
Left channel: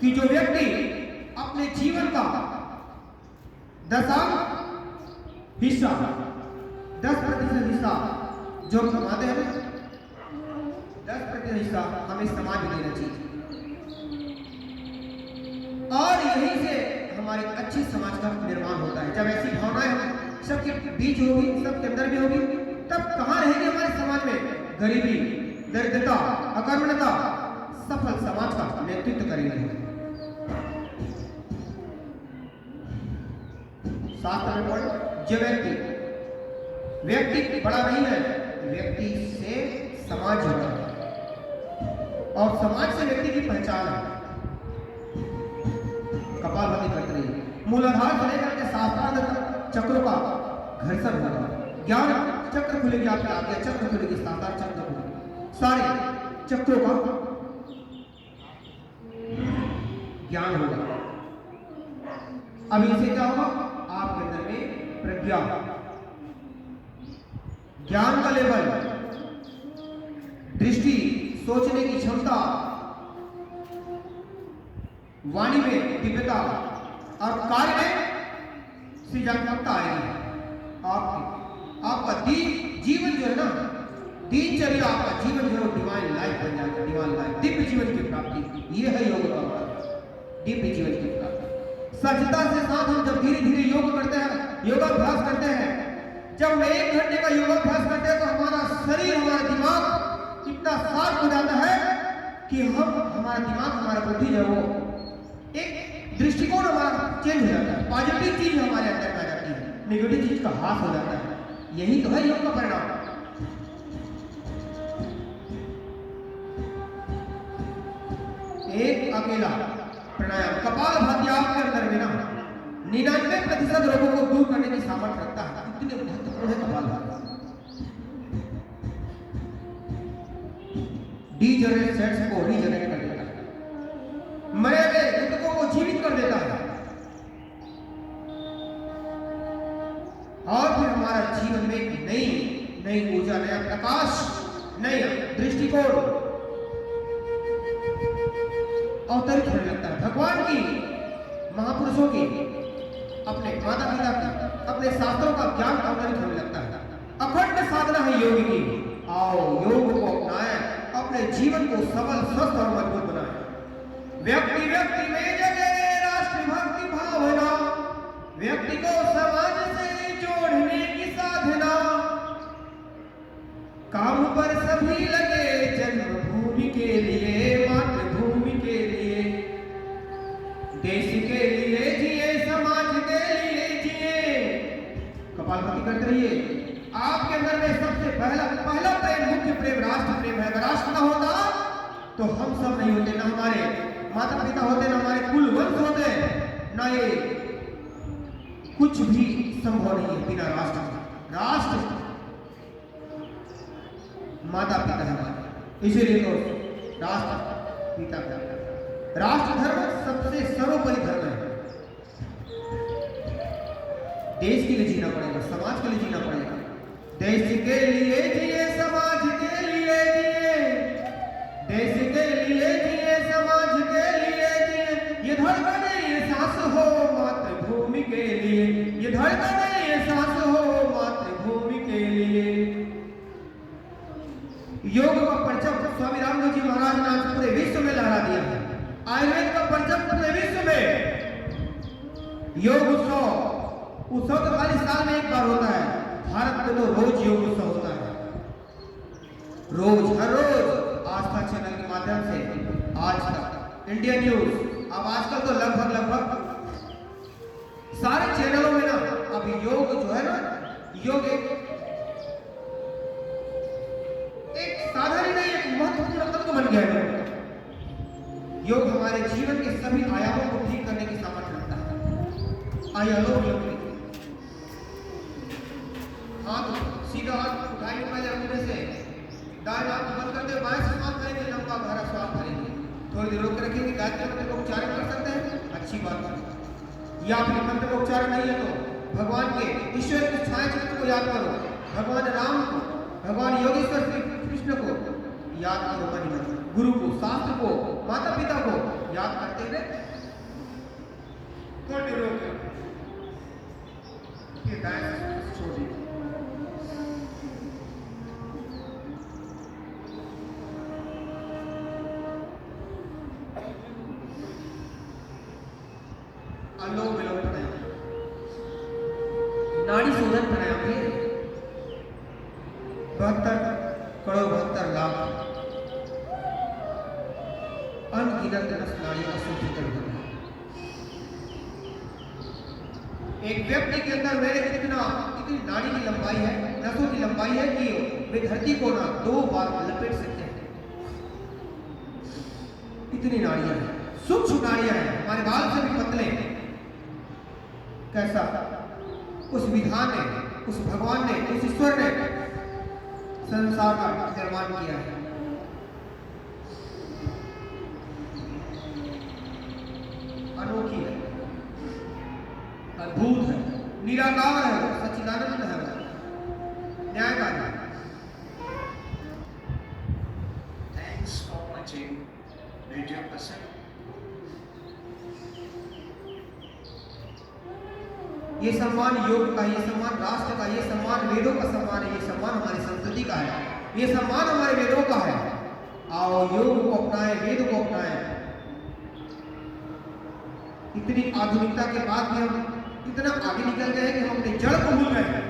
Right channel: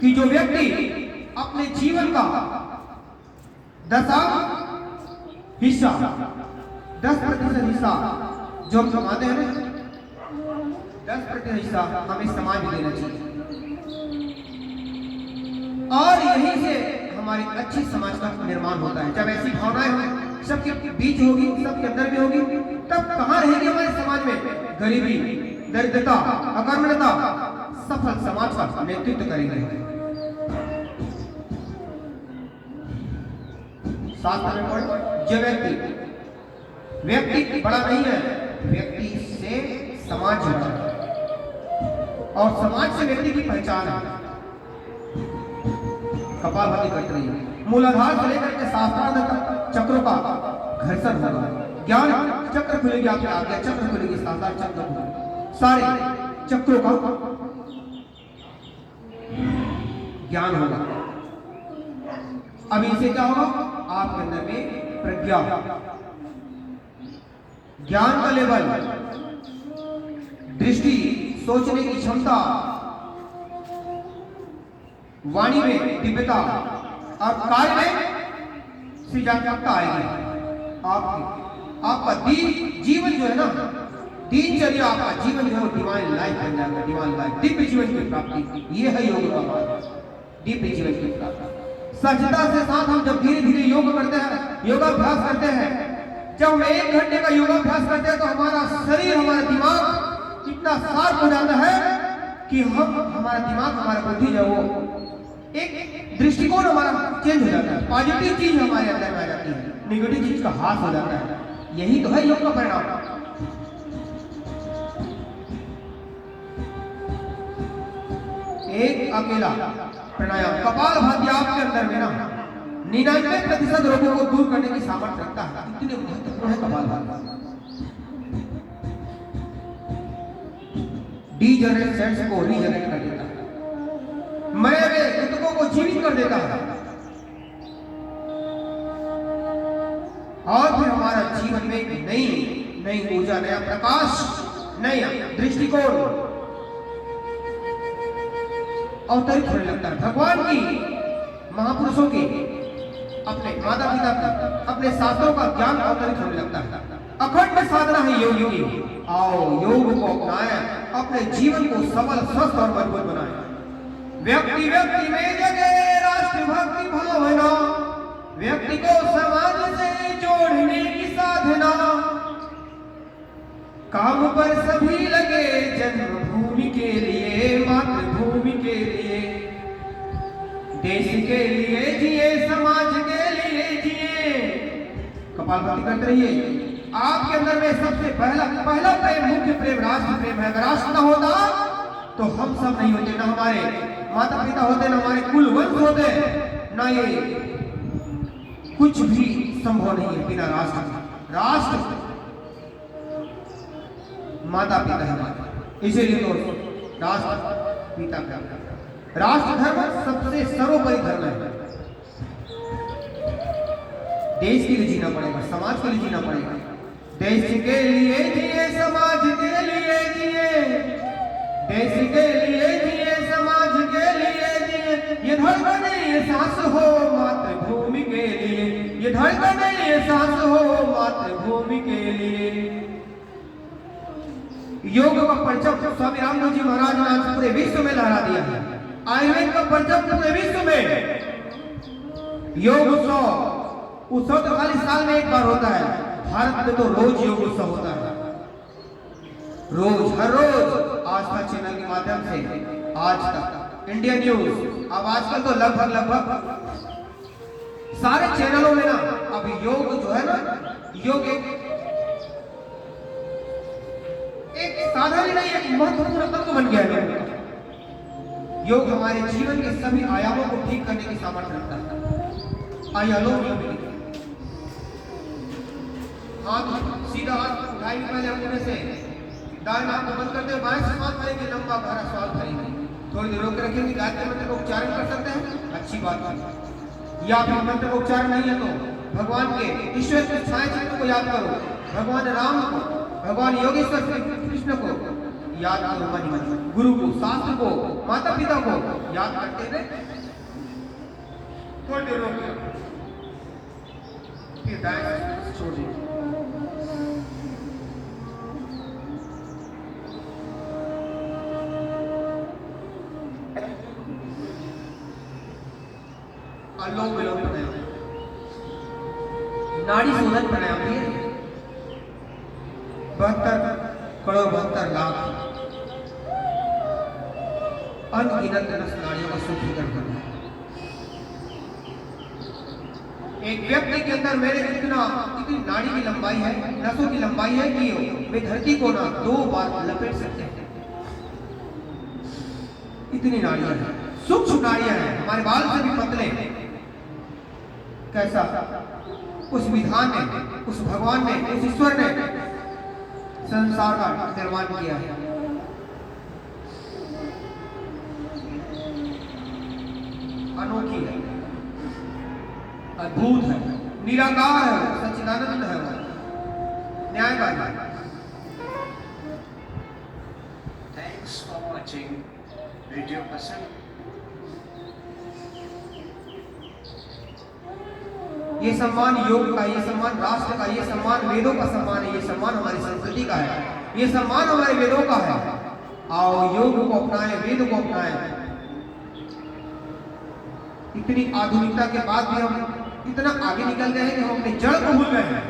कि जो व्यक्ति अपने जीवन का 10% हिस्सा, 10% हिस्सा जो हम कमाते हैं ना, 10% हिस्सा हमें समाज में देना चाहिए। और यहीं से हमारे अच्छी समाज का निर्माण होता है। जब ऐसी भावनाएं हमें सबके बीच होगी, सबके अंदर भी होगी, तब कहाँ रहेगी हमारे समाज में गरीबी, दरिद्रता, अकर्मण्यता? सफल समाज का नेतृत्व करेंगे। जो व्यक्ति बड़ा नहीं है, व्यक्ति से समाज जुड़ा है और समाज से व्यक्ति की पहचान है। कपालभाति करते रहिए, मूलाधार से लेकर के शास्त्रार्थ तक चक्रों का घर्षण होगा। ज्ञान चक्र खुलेगी, आपके आज्ञा चक्र खुलेगी, शास्त्रार्थ चक्र खुलेगी, सारे चक्रों का ज्ञान होगा। अब इनसे क्या होगा? आपके अंदर में प्रज्ञा, ज्ञान का लेवल, दृष्टि, सोचने की क्षमता, वाणी में दिव्यता और कार्य में सृजनात्मकता आएगी। आपका जीवन जो है ना, दिनचर्या, आपका जीवन जो है डिवाइन लाइफ बन जाएगा। डिवाइन लाइफ, दिव्य जीवन की प्राप्ति, ये है योग का मार्ग, दिव्य जीवन की प्राप्ति। सजदा से साथ हम जब धीरे धीरे योग करते हैं, योगाभ्यास करते हैं, जब हम 1 घंटे का योगाभ्यास करते हैं तो हमारा शरीर, हमारा दिमाग इतना शार्प हो जाता है कि हमारा दिमाग, हमारा बुद्धि जो वो एक दृष्टिकोण हमारा चेंज हो जाता है। पॉजिटिव चीज हमारे अंदर में आ जाती है, नेगेटिव चीज का हाथ हो जाता है। यही तो है योग का परिणाम। एक अकेला प्राणायाम कपालभाति आपके अंदर में ना 99% रोगों को दूर करने की सामर्थ्य रखता है। इतने महत्वपूर्ण है कपालभाति। डीजनरेट सेल्स को रीजनरेट कर देता है, मरे हुए मृतकों को जीवित कर देता है, और फिर हमारा जीवन में एक नई ऊर्जा, नया प्रकाश, नया दृष्टिकोण अवतरित होने लगता है। भगवान की, महापुरुषों की, अपने माता पिता की, अपने शास्त्रों का ज्ञान अवतरित होने लगता है। अखंड साधना है योग की। आओ योग को अपनाएं, अपने जीवन को सबल, स्वस्थ और मजबूत बनाएं। व्यक्ति व्यक्ति में जगे राष्ट्रभक्ति भावना, व्यक्ति को समाज से जोड़ने की साधना, काम पर सभी लगे जन्मभूमि के लिए, मातृभूमि के लिए, देश के लिए जिए, समाज के लिए जिए। कपालभाति करते रहिए। आपके अंदर में सबसे पहला प्रेम, मुख्य प्रेम राष्ट्र प्रेम है। अगर राष्ट्र ना होता तो हम सब नहीं होते, ना हमारे माता पिता होते, ना हमारे कुल वंश होते, ना ये कुछ भी संभव नहीं है बिना राष्ट्र के। राष्ट्र माता पिता है, इसीलिए तो राष्ट्र पिता का राष्ट्र धर्म सबसे सर्वोपरि धर्म है। देश के लिए जीना पड़ेगा, समाज के लिए जीना पड़ेगा। देश के लिए जिए, समाज के लिए जिए, देश के लिए जिए, समाज के लिए जिए। ये धड़कन ये सांस हो मातृभूमि के लिए, ये धड़कन ये सांस हो मातृभूमि के लिए। योग का परचम स्वामी रामदेव जी महाराज ने आज पूरे विश्व में लहरा दिया है। आयुर्वेद का परचम पूरे विश्व में। योग उत्सव तो खाली साल में एक बार होता है। भारत में तो रोज योग उत्सव होता है, रोज, हर रोज। आस्था चैनल के माध्यम से आज तक इंडिया न्यूज, अब आजकल तो लगभग सारे चैनलों में ना अब योग जो है ना, योग एक साधारण नहीं, एक महत्वपूर्ण तत्व बन गया है। योग हमारे जीवन के सभी आयामों को ठीक करने की सामर्थ्य रखता है। आयामों हाथ सीधा हाथ उठाएंगे पहले अपने से, दाएं हाथ बंद करते हुए बाएं से श्वास भरेंगे, लंबा गहरा श्वास भरेंगे। थोड़ी देर रोक के रखेंगे। गायत्री मंत्र का उच्चारण कर सकते हैं, अच्छी बात है। या फिर मंत्र का उच्चारण नहीं है तो भगवान के, ईश्वर के छाया चित्र को याद करो, भगवान राम को, भगवान योगेश्वर कृष्ण को याद करो, मन गुरु को, शास्त्र को, माता पिता को याद करते हुए थोड़ी देर रोक के फिर दाएं छोड़ दीजिए। अनुलोम विलोम प्राणायाम, नाड़ी शोधन प्राणायाम भी है। 72 करोड़ 72 लाख अनगिनत नस नाड़ियों का शुद्धिकरण करना है। एक व्यक्ति के अंदर मेरे इतनी नाड़ी की लंबाई है, नसों की लंबाई है कि वे धरती को ना 2 बार लपेट सकते हैं। इतनी नाड़ियां हैं, सूक्ष्म नाड़ियां हैं, हमारे बाल से भी पतले हैं। कैसा उस विधान ने, उस भगवान ने, उस ईश्वर ने संसार का निर्माण किया है। अनोखी है, अद्भुत है, निराकार है, सच्चिदानंद है वो, न्यायवादी। Thanks for watching video person. ये सम्मान योग का, ये सम्मान राष्ट्र का, ये सम्मान वेदों का सम्मान है, ये सम्मान हमारी संस्कृति का है, ये सम्मान हमारे वेदों का है। आओ योग को अपनाएं, वेद को अपनाएं। इतनी आधुनिकता के बाद भी हम इतना आगे निकल गए हैं कि हम अपने जड़ को भूल गए हैं,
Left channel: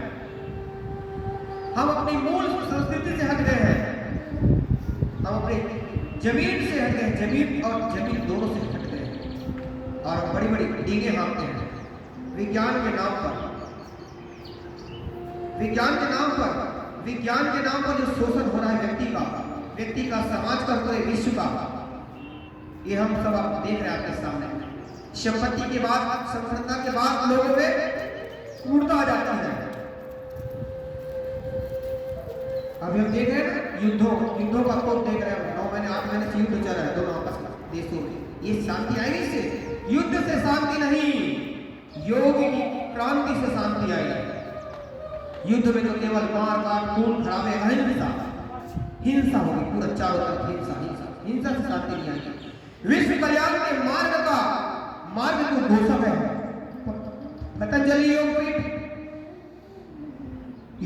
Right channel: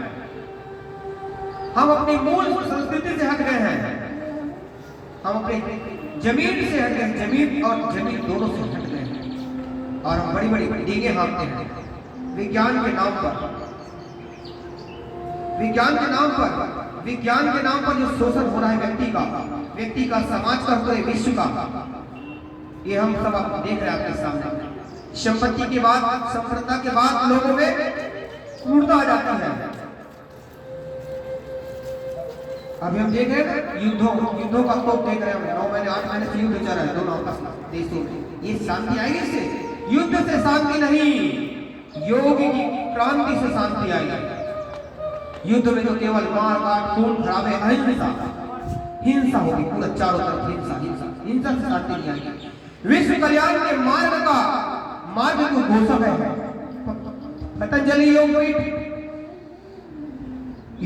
हम अपनी मूल संस्कृति से हट गए हैं, हम अपने जमीन से हट गए, जमीन और जमीन दोनों से हट गए हैं और हम बड़ी बड़ी डींगे हाँकते हैं विज्ञान के नाम पर। विज्ञान के नाम पर, विज्ञान के नाम पर जो शोषण हो रहा है व्यक्ति का, समाज का, पूरे विश्व का, ये हम सब आप देख रहे हैं आपके सामने। संपत्ति के बाद, संपन्नता के बाद लोगों में क्रूरता आ जाती है। अभी हम देख रहे हैं ना युद्धों का तोप देख रहे हैं, 9 महीने 8 महीने से युद्ध चल रहा है दोनों आपस में देशों में। ये शांति आएगी इससे? युद्ध से शांति नहीं, योग की क्रांति से शांति आएगी। युद्ध में तो केवल मार काट, खून खराबे, अहिंसा, हिंसा होगी, पूरा चारों तरफ हिंसा से शांति नहीं आएगी। विश्व कल्याण के मार्ग को घोषक है पतंजलि योग पीठ।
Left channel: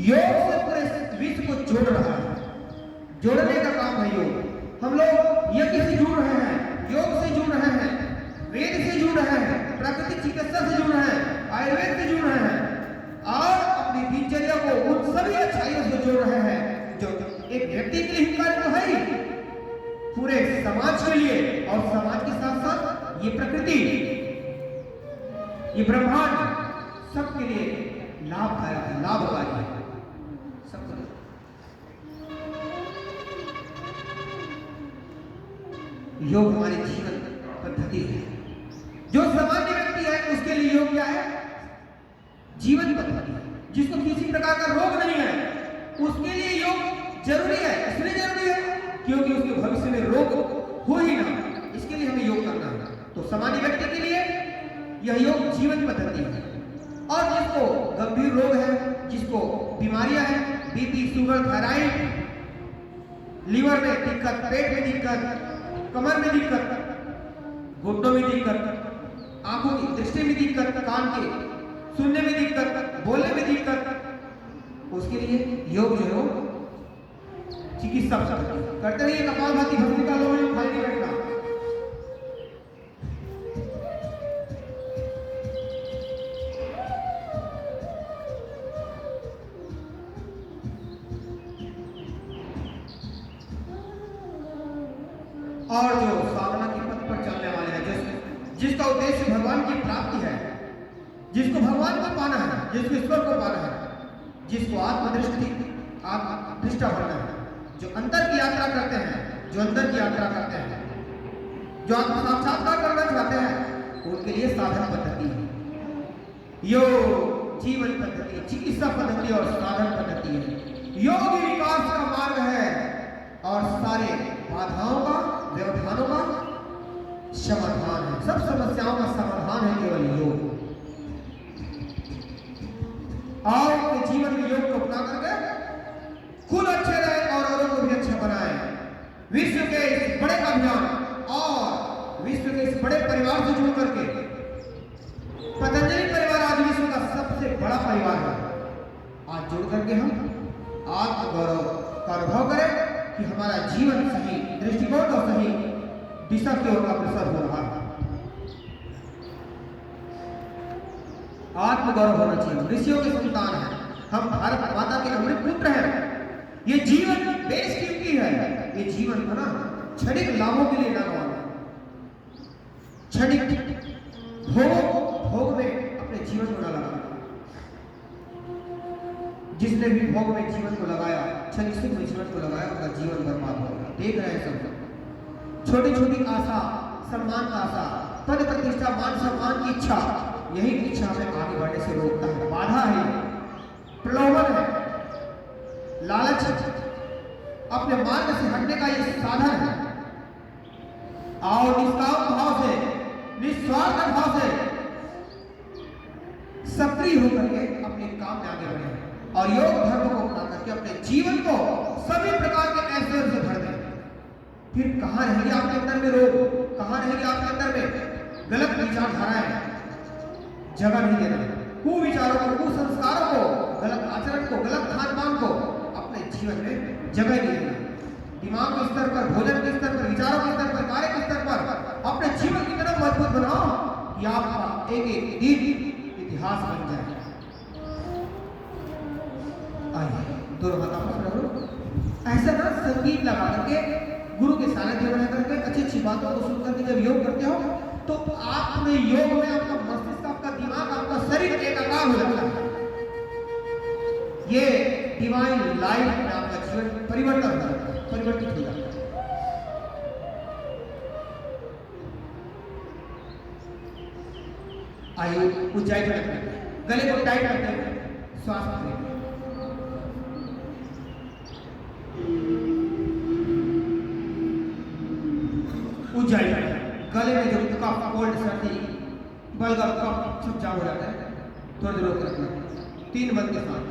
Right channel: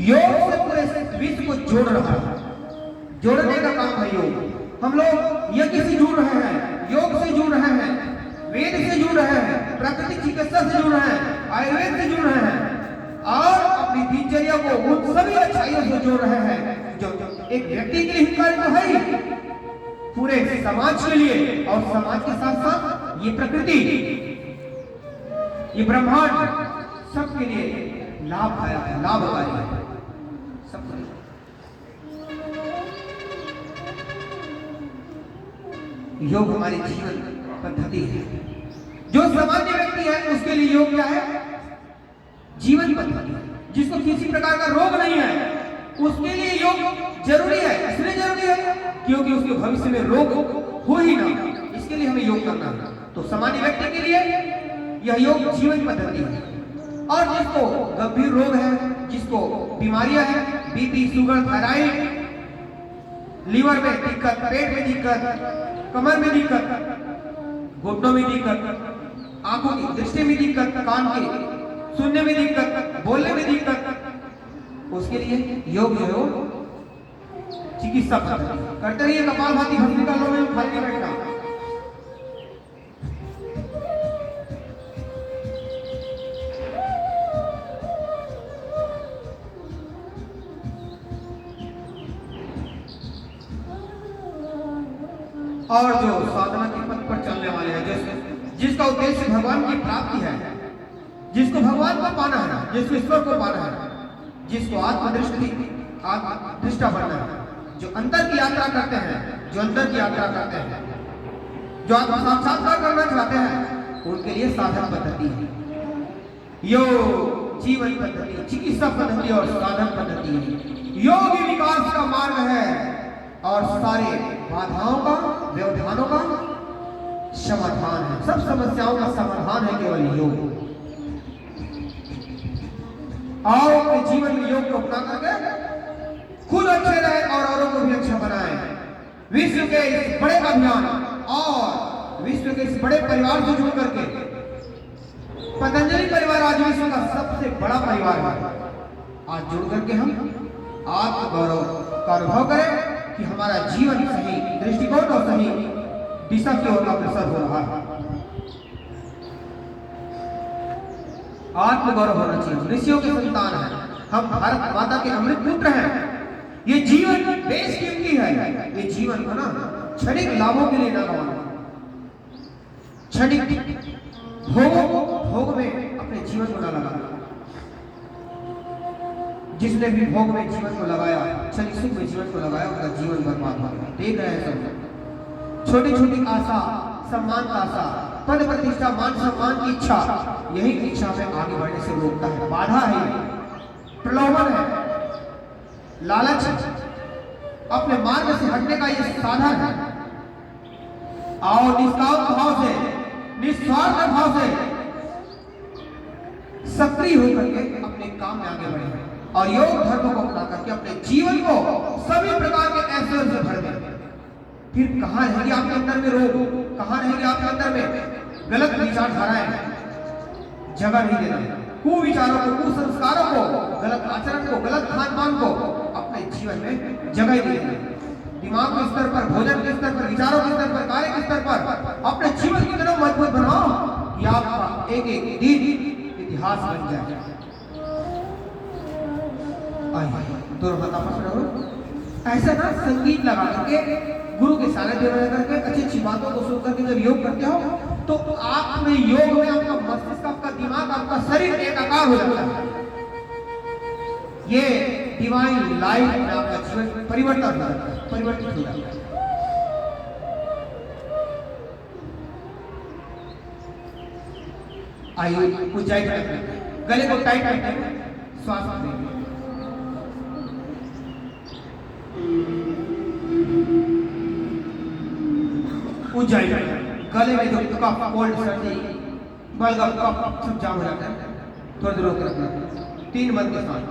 योग से पूरे विश्व को जोड़ रहा है, जोड़ने का काम है योग। हम लोग यज्ञ से जुड़ रहे हैं, योग से जुड़ रहे हैं, वेद से जुड़ रहे हैं, प्राकृतिक चिकित्सा से जुड़ रहे हैं, आयुर्वेद से जुड़ रहे हैं और अपनी दिनचर्या को उन सभी अच्छाइयों से जोड़ रहे हैं जो एक व्यक्ति के लिए हितकारी तो है ही, पूरे समाज के लिए, और समाज के साथ साथ ये प्रकृति, ये ब्रह्मांड सबके लिए लाभदायक है, लाभकारी है सबके लिए। योग हमारे जीवन पद्धति है। जो सामान्य व्यक्ति है उसके लिए योग क्या है? जीवन पद्धति है। जिसको किसी प्रकार का रोग नहीं है उसके लिए योग जरूरी है। इसलिए जरूरी है क्योंकि उसके भविष्य में रोग हो ही ना, इसके लिए हमें योग करना है। तो सामान्य व्यक्ति के लिए यह योग जीवन पद्धति है। और जिसको गंभीर रोग है, जिसको बीमारियां हैं, बीपी, शुगर, थायराइड, लीवर में दिक्कत, पेट में दिक्कत, कमर में दिक्कत, घुटनों में दिक्कत, आंखों की दृष्टि में दिक्कत, कान के सुनने में दिक्कत, बोलने में दिक्कत, उसके लिए योग जो चिकित्सा करते रहिए। कपालभाति भस्त्रिका लो में खाली नहीं बैठना। और जो साधना के पथ पर चलने वाले हैं, जिसका उद्देश्य भगवान की प्राप्ति है, जिसको भगवान को पाना है, जिसको ईश्वर को पाना है, जिसको आत्मनिष्ठा बनना है, जो अंतर की यात्रा करते हैं, जो अंतर की यात्रा करते हैं, जो आत्म साक्षात्कार करना चाहते हैं, उनके लिए साधन पद्धति है। योग जीवन पद्धति, चिकित्सा पद्धति और साधन पद्धति है। योग ही विकास का मार्ग है और सारे बाधाओं का, व्यवधानों का समाधान है। सब समस्याओं का समाधान है केवल योग। आओ अपने जीवन में योग को अपना करके खुद अच्छे रहे और औरों को भी अच्छा बनाए। विश्व के इस बड़े अभियान और विश्व के इस बड़े परिवार से जुड़ करके, पतंजलि परिवार आज विश्व का सबसे बड़ा परिवार है। आज जुड़ करके हम आत्मगौरव का अनुभव करें कि हमारा जीवन सही दृष्टिकोण और सही दिशा की ओर अग्रसर हो रहा है। आत्मगौरव होना चाहिए। ऋषियों के संतान है हम, भारत माता के अमृत पुत्र हैं। ये जीवन देश कीमती है। ये जीवन को ना क्षणिक लाभों के लिए न गंवाना, क्षणिक भोग में अपने जीवन को न लगाना। जिसने भी भोग में जीवन को लगाया, क्षणिक सुख में जीवन को लगाया, उनका जीवन बर्बाद हो गया। देख रहे हैं सब छोटी छोटी आशा, सम्मान का आशा, पद प्रतिष्ठा, मान सम्मान की इच्छा, यही इच्छा हमें आगे बढ़ने से रोकता है। बाधा है, प्रलोभन है, लालच है, अपने मार्ग से हटने का ये साधन है। और निष्काम भाव से, निस्वार्थ भाव से सक्रिय होकर के अपने अपने काम में आगे बढ़े और योग धर्म को अपना करके अपने जीवन को सभी प्रकार के ऐश्वर्य से भर दें। फिर कहाँ रहेगी आपके अंदर में रोग, कहाँ रहेगी आपके अंदर में गलत विचारधाराएं? जगह नहीं देना कुविचारों को, कुसंस्कारों को, गलत आचरण को, गलत खान पान को अपने जीवन में जगह नहीं देना। दिमाग के स्तर पर, भोजन के स्तर पर, विचारों के स्तर पर, कार्य के स्तर पर अपने जीवन की तरफ मजबूत बनाओ कि आपका एक एक दिन इतिहास बन जाए। आइए दोनों हाथ आपस में रखो। ऐसा ना संगीत लगा करके गुरु के सानिध्य में रह करके अच्छी अच्छी बातों को सुन करके जब योग करते हो तो आप में योग में आपका मस्तिष्क, आपका दिमाग, आपका शरीर एकाकार हो जाता है। ये डिवाइन लाइफ में आपका जीवन परिवर्तन हो जाता है, परिवर्तित हो जाता है। आइए ऊंचाई पर रखते हैं, गले को टाइट करते हैं, श्वास लेते हैं। ऊंचाई पर गले में जो कफ, कोल्ड, सर्दी, बलगम, कफ सब जाम हो जाता है। थोड़ी देर रोक रखना। 3 बंद के साथ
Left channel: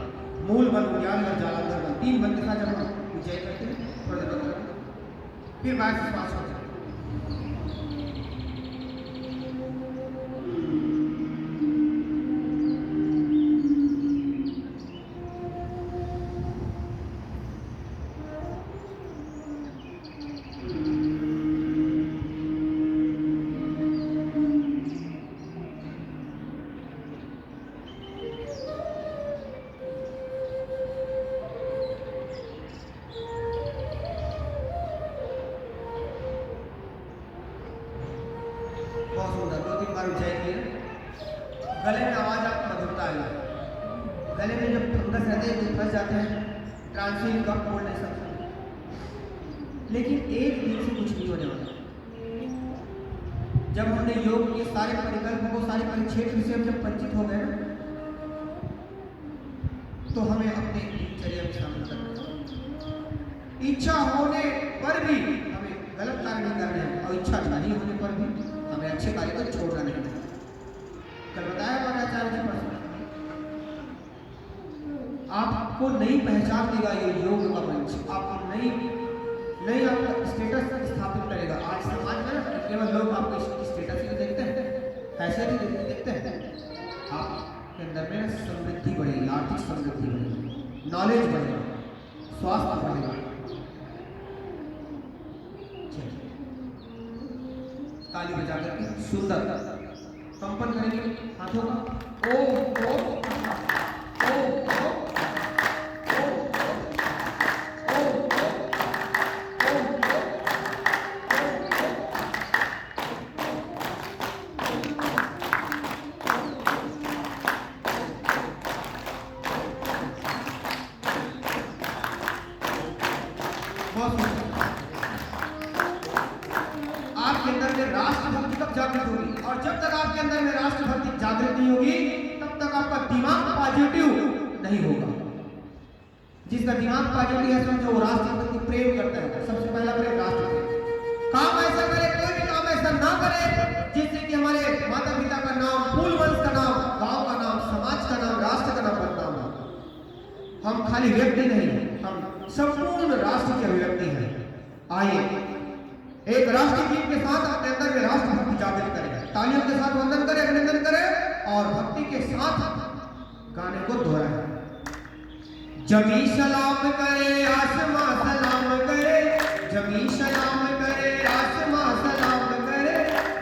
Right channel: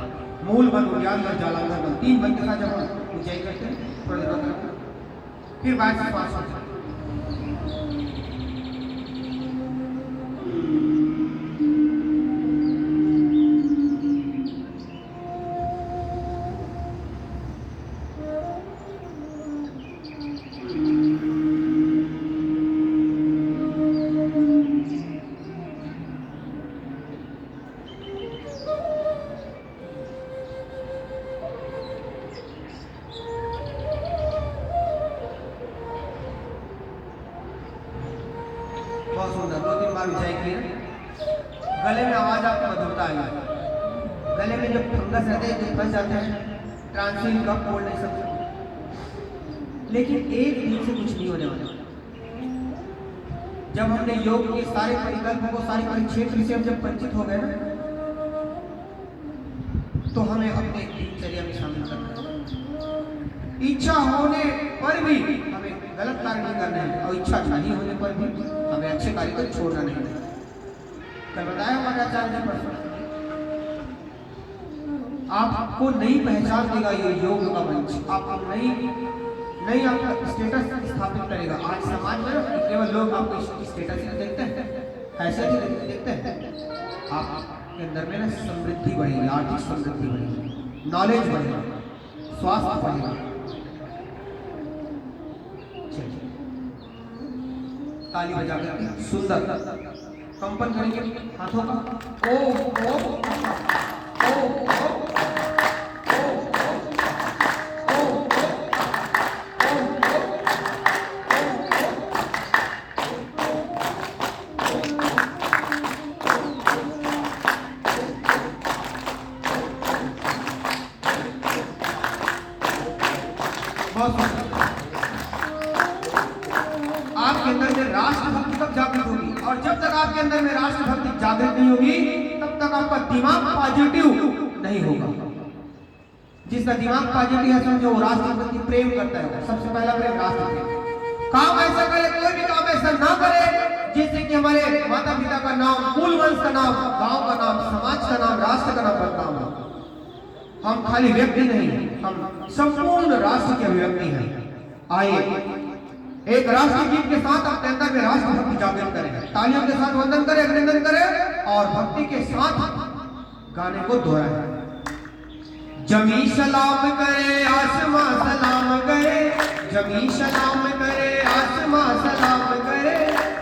मूल बंद, उद्यान जालांधर बंद, 3 बंद के साथ जब हम ऊंचाई करते हैं थोड़ी देर रोक रखना। फिर बाहर से श्वास लेते हैं। बहुत सुंदर, 2-3 बार ऊंचाई की है। गले में आवाज आपको मधुरता आएगी। गले में जब फंगस रहते हैं, जो फंस जाते हैं, ट्रांसिल, कफ, कोल्ड, सब। लेकिन एक दिन से कुछ नहीं होने वाला। जब हमने योग के सारे परिकल्पों को, सारे परिक्षेत्र से हम जब परिचित हो गए ना, तो हमें अपने दिनचर्या में शामिल करना है। इच्छा होने पर भी हमें गलत कार्य नहीं करना है और इच्छा नहीं होने पर भी हमें अच्छे कार्य को छोड़ना नहीं है। कल बताया हमारे आचार्य जी पर, आपको नई पहचान देगा ये योग का मंच, आपको नई आपका स्टेटस स्थापित करेगा। आज समाज में केवल लोग आपको स्टेटस ही देखते हैं, ऐसे ही देखते हैं। आपके अंदर में ना समृद्धि बढ़ेगी, आर्थिक समृद्धि बढ़ेगी, नॉलेज बढ़ेगा, स्वास्थ्य बढ़ेगा। ताली बजा करके सुंदर कंपन करेंगे हाथों का। ओम ओम ओम ओम आपके अंदर में राष्ट्रभक्ति कब जागृत होगी? और जब तक आपके अंदर में राष्ट्रभक्ति जागृत नहीं होगी तब तक आपका दिमाग पॉजिटिव नहीं होगा। जिसका दिमाग पॉजिटिव है समझो वो राष्ट्रभक्ति प्रेम करता है। सबसे पहला प्रेम राष्ट्र प्रेम। काम ऐसा करे, कोई भी काम ऐसा ना करे जिससे कि हमारे माता पिता का नाम, कुल वंश का नाम, गांव का नाम, समाज का नाम, राष्ट्र का नाम बदनाम हो। हम खाली व्यक्ति नहीं, हम संपूर्ण राष्ट्र के अभिव्यक्ति हैं। आइए एक राष्ट्रीय गीत के साथ अपने अंदर में राष्ट्रभक्ति जागृत करें। तालियों के साथ वंदन करें, अभिनंदन करें और भक्ति के साथ गाने को दोहराएं। जमी सलाम करे, आसमां सलाम करे, जमी सलाम करे, आसमां सलाम करे,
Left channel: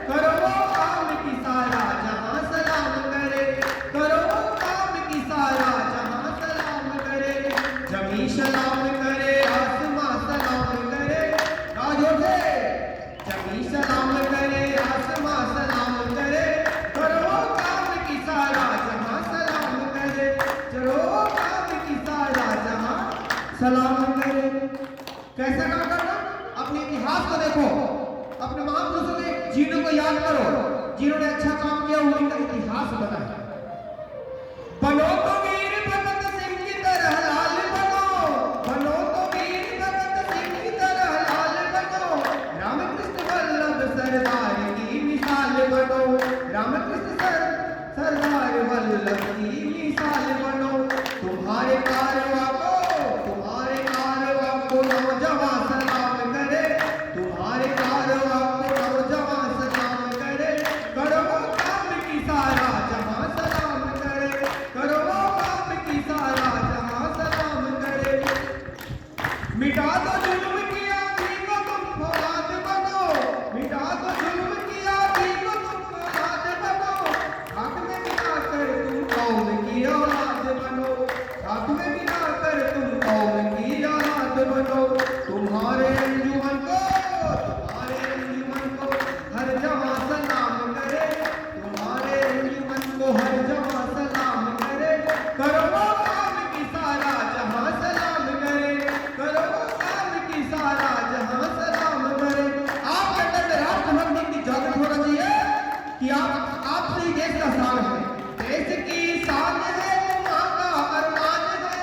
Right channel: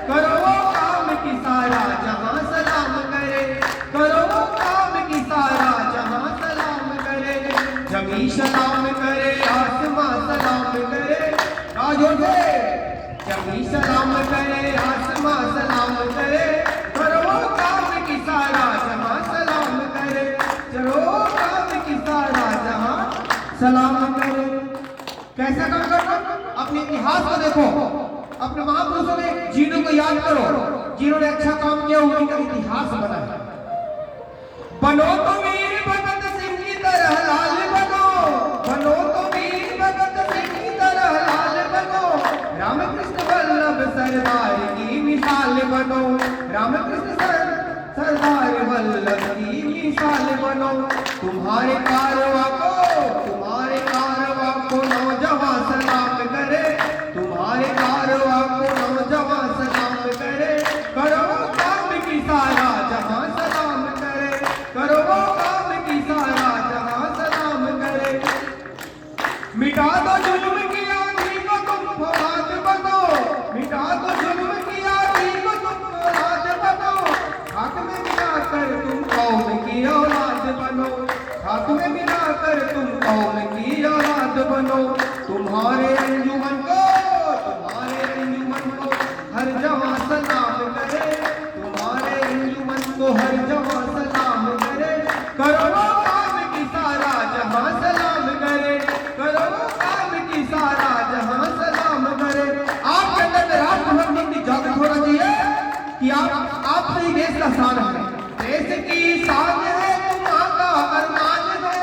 करो काम की सारा जहां सलाम करे, करो काम की सारा जहां सलाम करे। जमी सलाम करे, आसमां सलाम करे, जोड़े जमी सलाम करे, आसमां सलाम करे, करो काम की सारा जहां सलाम करे, करो काम की सारा जहां सलाम करे। कैसा काम करना? अपने इतिहास को देखो, अपने महापुरुषों के जीनों को याद करो, जिन्होंने अच्छा काम किया उनका इतिहास बनाया। बनो तो वीर भगत सिंह की तरह लाल बनो, बनो तो वीर भगत सिंह की तरह लाल बनो, रामकृष्ण वल्लभ सरदार की मिसाल बनो, रामकृष्ण सरदार वल्लभ की मिसाल बनो। तुम्हारे कारवां को नौजवान सलाम करे, तुम्हारे कारवां को नौजवान सलाम करे। करो काम की सारा जहां सलाम करे, करो काम की सारा जहां सलाम करे। मिटा दो जुल्म की आंधी को तुम फौलाद बनो, मिटा दो जुल्म की आंधी को तुम फौलाद बनो। हाथ में मिला कर तुम कौम की औलाद बनो, हाथ में मिला कर तुम कौम की औलाद बनो। तुम्हारे अंजुमन को हर जवां सलाम करे, तुम्हारे अंजुमन को हर जवां सलाम करे। करो काम की सारा जहां सलाम करे, करो काम की सारा जहां सलाम करे। आपके अंदर में राष्ट्रभक्ति जागृत होना चाहिए कि आप से ही देश का शान है, देश की शान है, तुम्हारा अरमान है।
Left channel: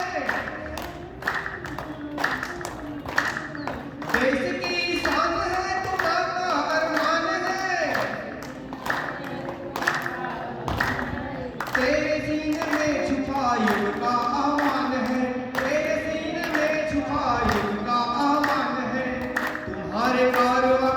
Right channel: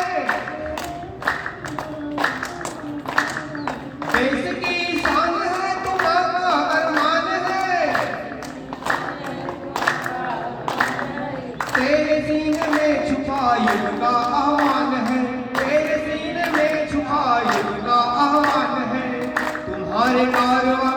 देश की शान है, तुम्हारा अरमान है। तेरे सीने में छुपा युग का आह्वान है, तेरे सीने में छुपा युग का आह्वान है। तुम्हारे कारवां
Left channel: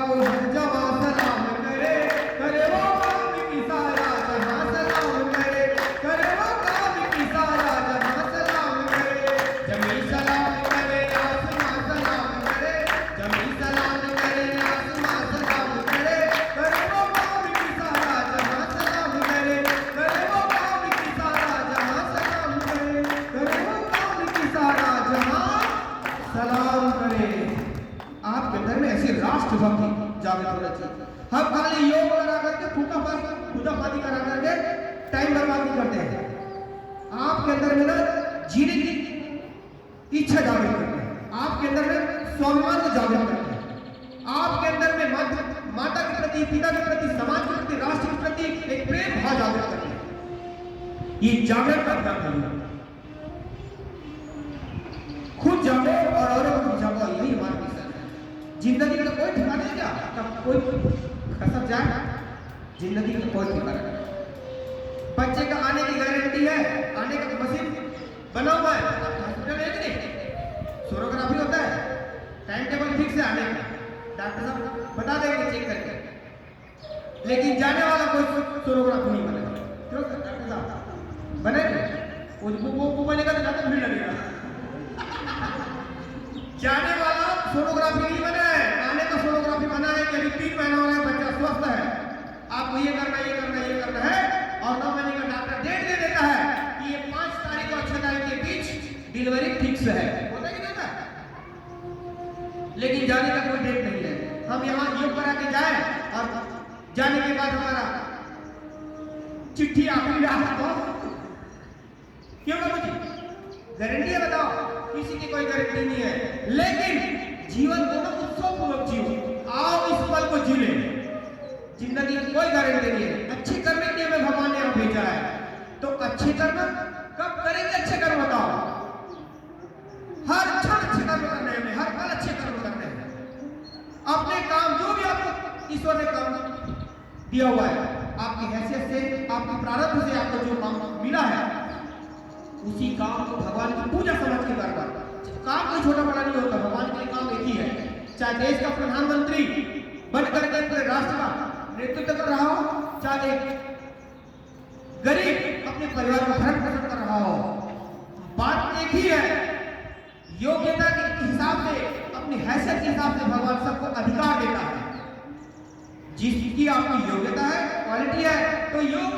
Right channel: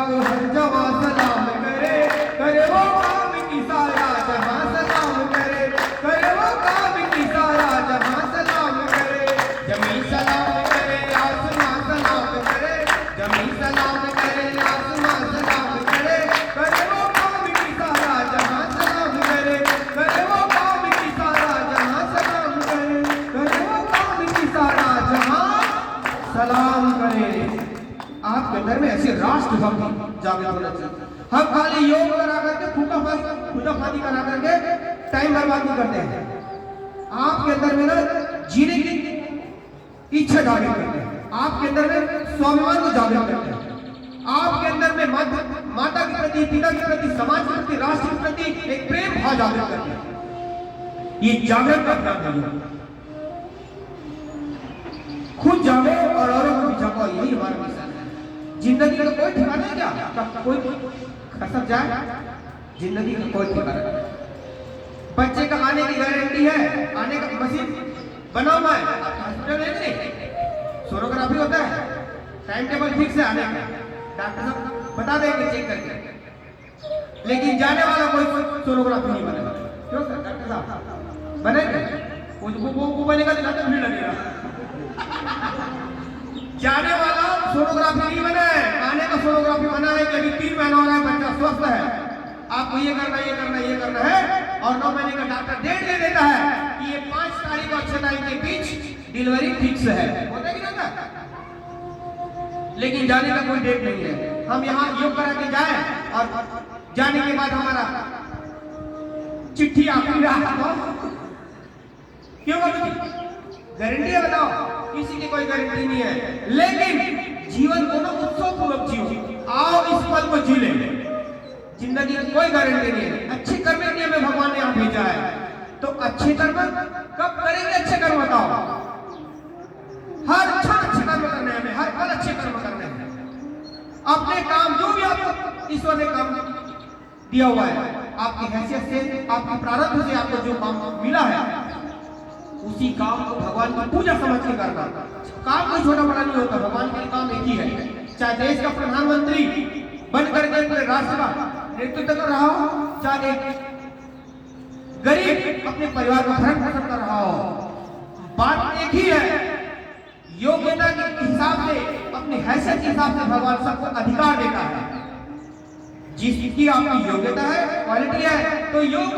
को हर जवां सलाम करे, करे वो काम की सारा जहां सलाम करे, करे वो काम की सारा जहां सलाम करे। जमीन सलाम करे, आसमां सलाम करे, जमीन सलाम करे, आसमां सलाम करे। करे वो काम की सारा जहां सलाम करे, करे वो काम की सारा जहां सलाम करे, करे वो काम की सारा जहां सलाम करे। आपके अंदर में ऐसी राष्ट्रभक्ति जागृत होना चाहिए। हम खाली योग करा करके फूटाफाती करा करके टाइम बर्बाद नहीं करते हैं। आपके अंदर में ना जीने की इच्छा जागृत करते हैं, आपके अंदर में स्वाभिमान को जागृत करते हैं, आपके अंदर में माता के प्रति, पिता के प्रति, समाज के प्रति, राष्ट्र के प्रति एक प्रेम भाव जागृत करते हैं। ये जागृत करता है। खुद जागो और औरों को भी जागो, यही हमारा मिशन है। जिंदगी का कोई ठिकाना है क्या? कोई खसक जाए? जिंदगी का कोई ठिकाना नहीं। बच्चे का आने की गारंटी है, आने का मशीन बना हुआ है, हॉस्पिटल है कि नहीं? सोनोग्राफी होता है, टाइम टेबल फिक्स है आने का, डॉक्टर साहब बता देंगे चेक करके। लेकिन जाने वाला कोई सोनोग्राफी नहीं बनेगा। क्यों डॉक्टर साहब बनेगा? वो बनेगा तो डॉक्टर नहीं लगेगा। जाने वाला सोनोग्राफी नहीं बना है, आने का सोनोग्राफी बना है कि अभी 3 महीना हो रहा है, बच्चा स्वस्थ है, आपको ये करना है। और 9 महीने का डॉक्टर डेट दे देता है कि ये 5 तारीख और 6 तारीख के बीच डिलीवरी फिक्स है। होता है कि नहीं होता? लेकिन जाने का कोई डेट नहीं है। हम यहाँ योग करा के जाए और जाने के बाद हमारा चिट्ठी आखिरी रहा तो क्यों गारंटी है? बताओ, किसी की कोई गारंटी नहीं है। लेकिन जीवन को ना उत्सव पूर्वक जियो, आओ इस पल को जी ले। जिंदगी की कोई गारंटी नहीं है। अच्छे कर्म के लिए हमें भगवान ने यहाँ भेजा है, तो अच्छे कर्म कब करेंगे? अच्छे कर्म बताओ। हर क्षण अच्छे कर्म करने हैं, हर पल अच्छे कर्म करने हैं। अपने काम जो भी आपको ईश्वर ने काम दिया हुआ है, आपकी हैसियत से, आपकी प्रारब्ध से आपको जो काम मिला है, उसी काम को भगवान की पूजा समझ के करना। काम कोई छोटा बड़ा नहीं होता, भगवान के काम एक ही है। चाहे देश का प्रधानमंत्री बन करके पूरे राष्ट्र का नेतृत्व कर रहा हो, चाहे गरीब अपने परिवार का भरण पोषण कर रहा हो, बात एक ही है। योग्यता के हिसाब से, अपनी हैसियत के हिसाब से भगवान सबको अधिकार देता है। जिसकी आपकी योग्यता है, क्वालिटी है, तो योग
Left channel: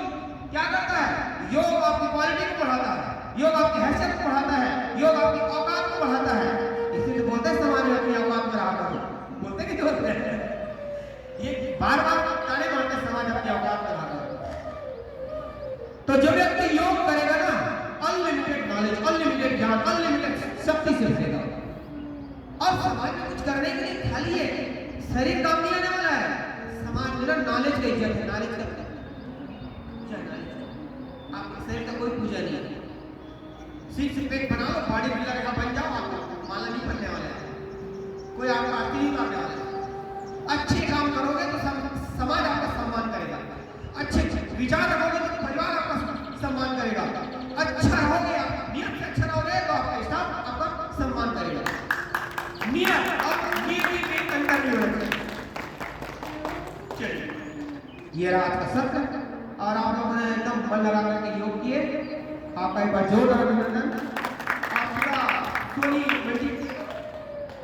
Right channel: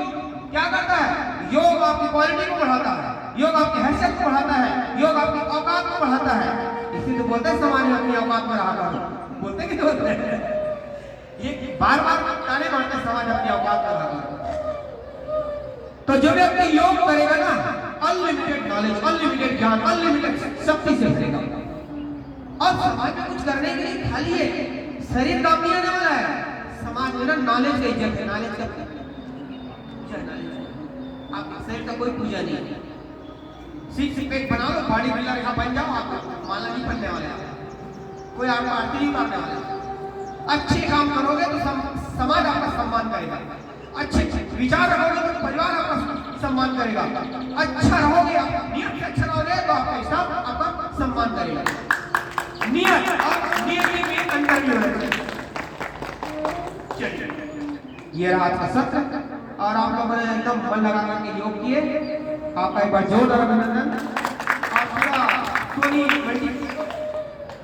क्या करता है? योग आपकी क्वालिटी को बढ़ाता है, योग आपकी हैसियत को बढ़ाता है, योग आपकी औकात को बढ़ाता है। इसलिए तो बोलते हैं समाज में अपनी औकात में रहा करो, बोलते कि बोलते हैं? ये बार बार ताने मारते समाज अपनी औकात में रहा करो। तो जो व्यक्ति योग करेगा ना, अनलिमिटेड नॉलेज, अनलिमिटेड ज्ञान, अनलिमिटेड शक्ति से भरेगा। और समाज में कुछ करने के लिए खाली है शरीर काम नहीं आने वाला है। समाज में ना नॉलेज का इज्जत है, नॉलेज का पूजा, आपके शरीर का कोई पूजा नहीं है। सिक्स पैक बना लो, बॉडी बिल्डर यहाँ बन जाओ, आपका माला नहीं बनने वाला है, कोई आपको आरती नहीं मारने वाला है। अच्छे काम करोगे तो समाज आपका सम्मान करेगा, अच्छे विचार रखोगे तो परिवार आपका सम्मान करेगा, अच्छा रहोगे आप नियत से अच्छा रहोगे तो आपका स्टाफ आपका सम्मान करेगा। नियत और नियति में अंतर भी होगा। चलिए ये रहा आज का सत्र और आप लोगों ने एकदम मन लगा करके योग किए, आपका एक बार जोरदार अभिनंदन। और पूरा सोनी मल्टी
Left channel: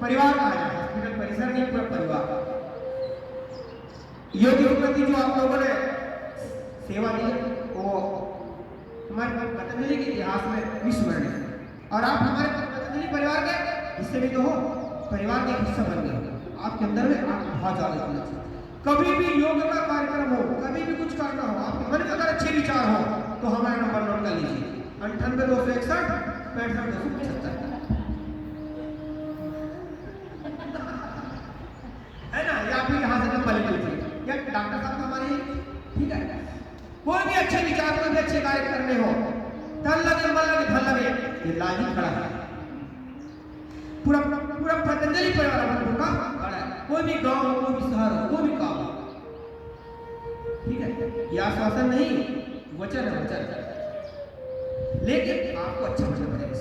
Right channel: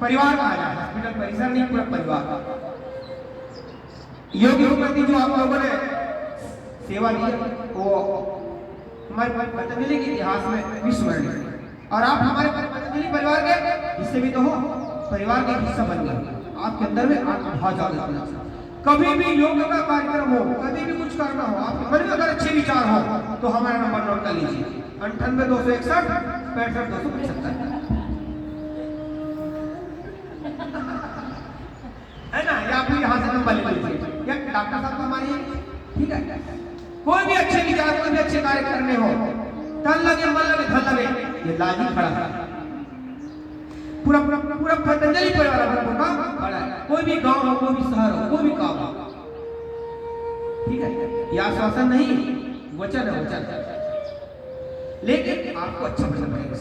परिवार का हॉस्पिटल परिसर नहीं पूरा परिवार योग के प्रति जो आप लोगों ने सेवा दी वो हमारे पतंजलि के इतिहास में विस्मरणीय है। और आप हमारे पतंजलि परिवार के हिस्से भी तो हो, परिवार का हिस्सा बन गए, आपके अंदर में आत्मभाव जागृत होना चाहिए। कभी भी योग का कार्यक्रम हो, कभी भी कुछ करना हो, आपके मन में अगर अच्छे विचार हो तो हमारा नंबर नोट कर लीजिए 98 261 65 275 है ना, या फिर यहाँ से नंबर ले लीजिए या डॉक्टर साहब हमारे, ठीक है। कोई भी अच्छे विचार, कोई भी अच्छे कार्य करने हो, तन लगे मन लगे धन लगे, ये लाल ही खड़ा है, पूरा पूरा पूरा पतंजलि परिवार का खड़ा है। कोई भी गांव हो, कोई भी शहर हो, कोई भी काम हो, ठीक है, ये आश्वासन नहीं वचन है, वचन। लेकिन आपको अच्छा वचन पड़ेगा,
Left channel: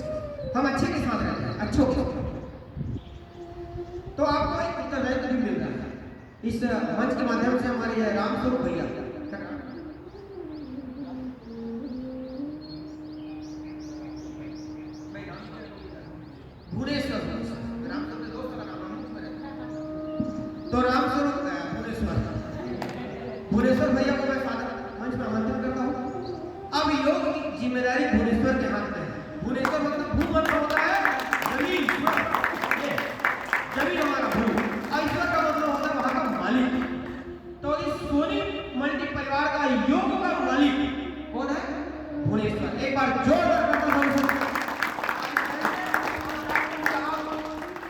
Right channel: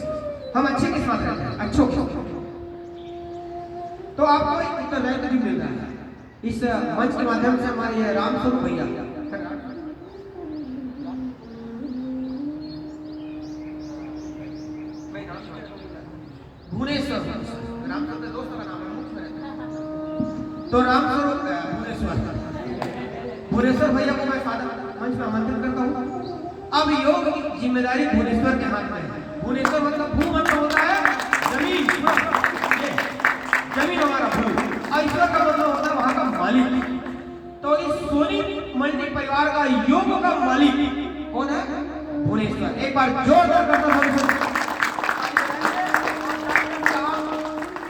हम अच्छे के साथ रहते हैं, अच्छों के, तो आपको एक उत्तरदायित्व भी मिल रहा है इस मंच के माध्यम से। हमारे रामस्वरूप भैया भुवनेश्वर, रामस्वरूप के दोस्त का नाम है, तो रामस्वरूप भुवनेश्वर भैया को मैं सादर मंच में आमंत्रित करता हूँ। अब योग की जिम्मेदारी भुवनेश्वर के हाथ में है। भुवनेश्वर मतलब भूमंडल होता है जमीन, जमीन हमारा भू, और ईश्वर का मतलब होता है वहां का मालिक। तो इस सोनी मल्टी परिवार का योग का मालिक कौन है? भुवनेश्वर। एक बार जोरदार करता हूं,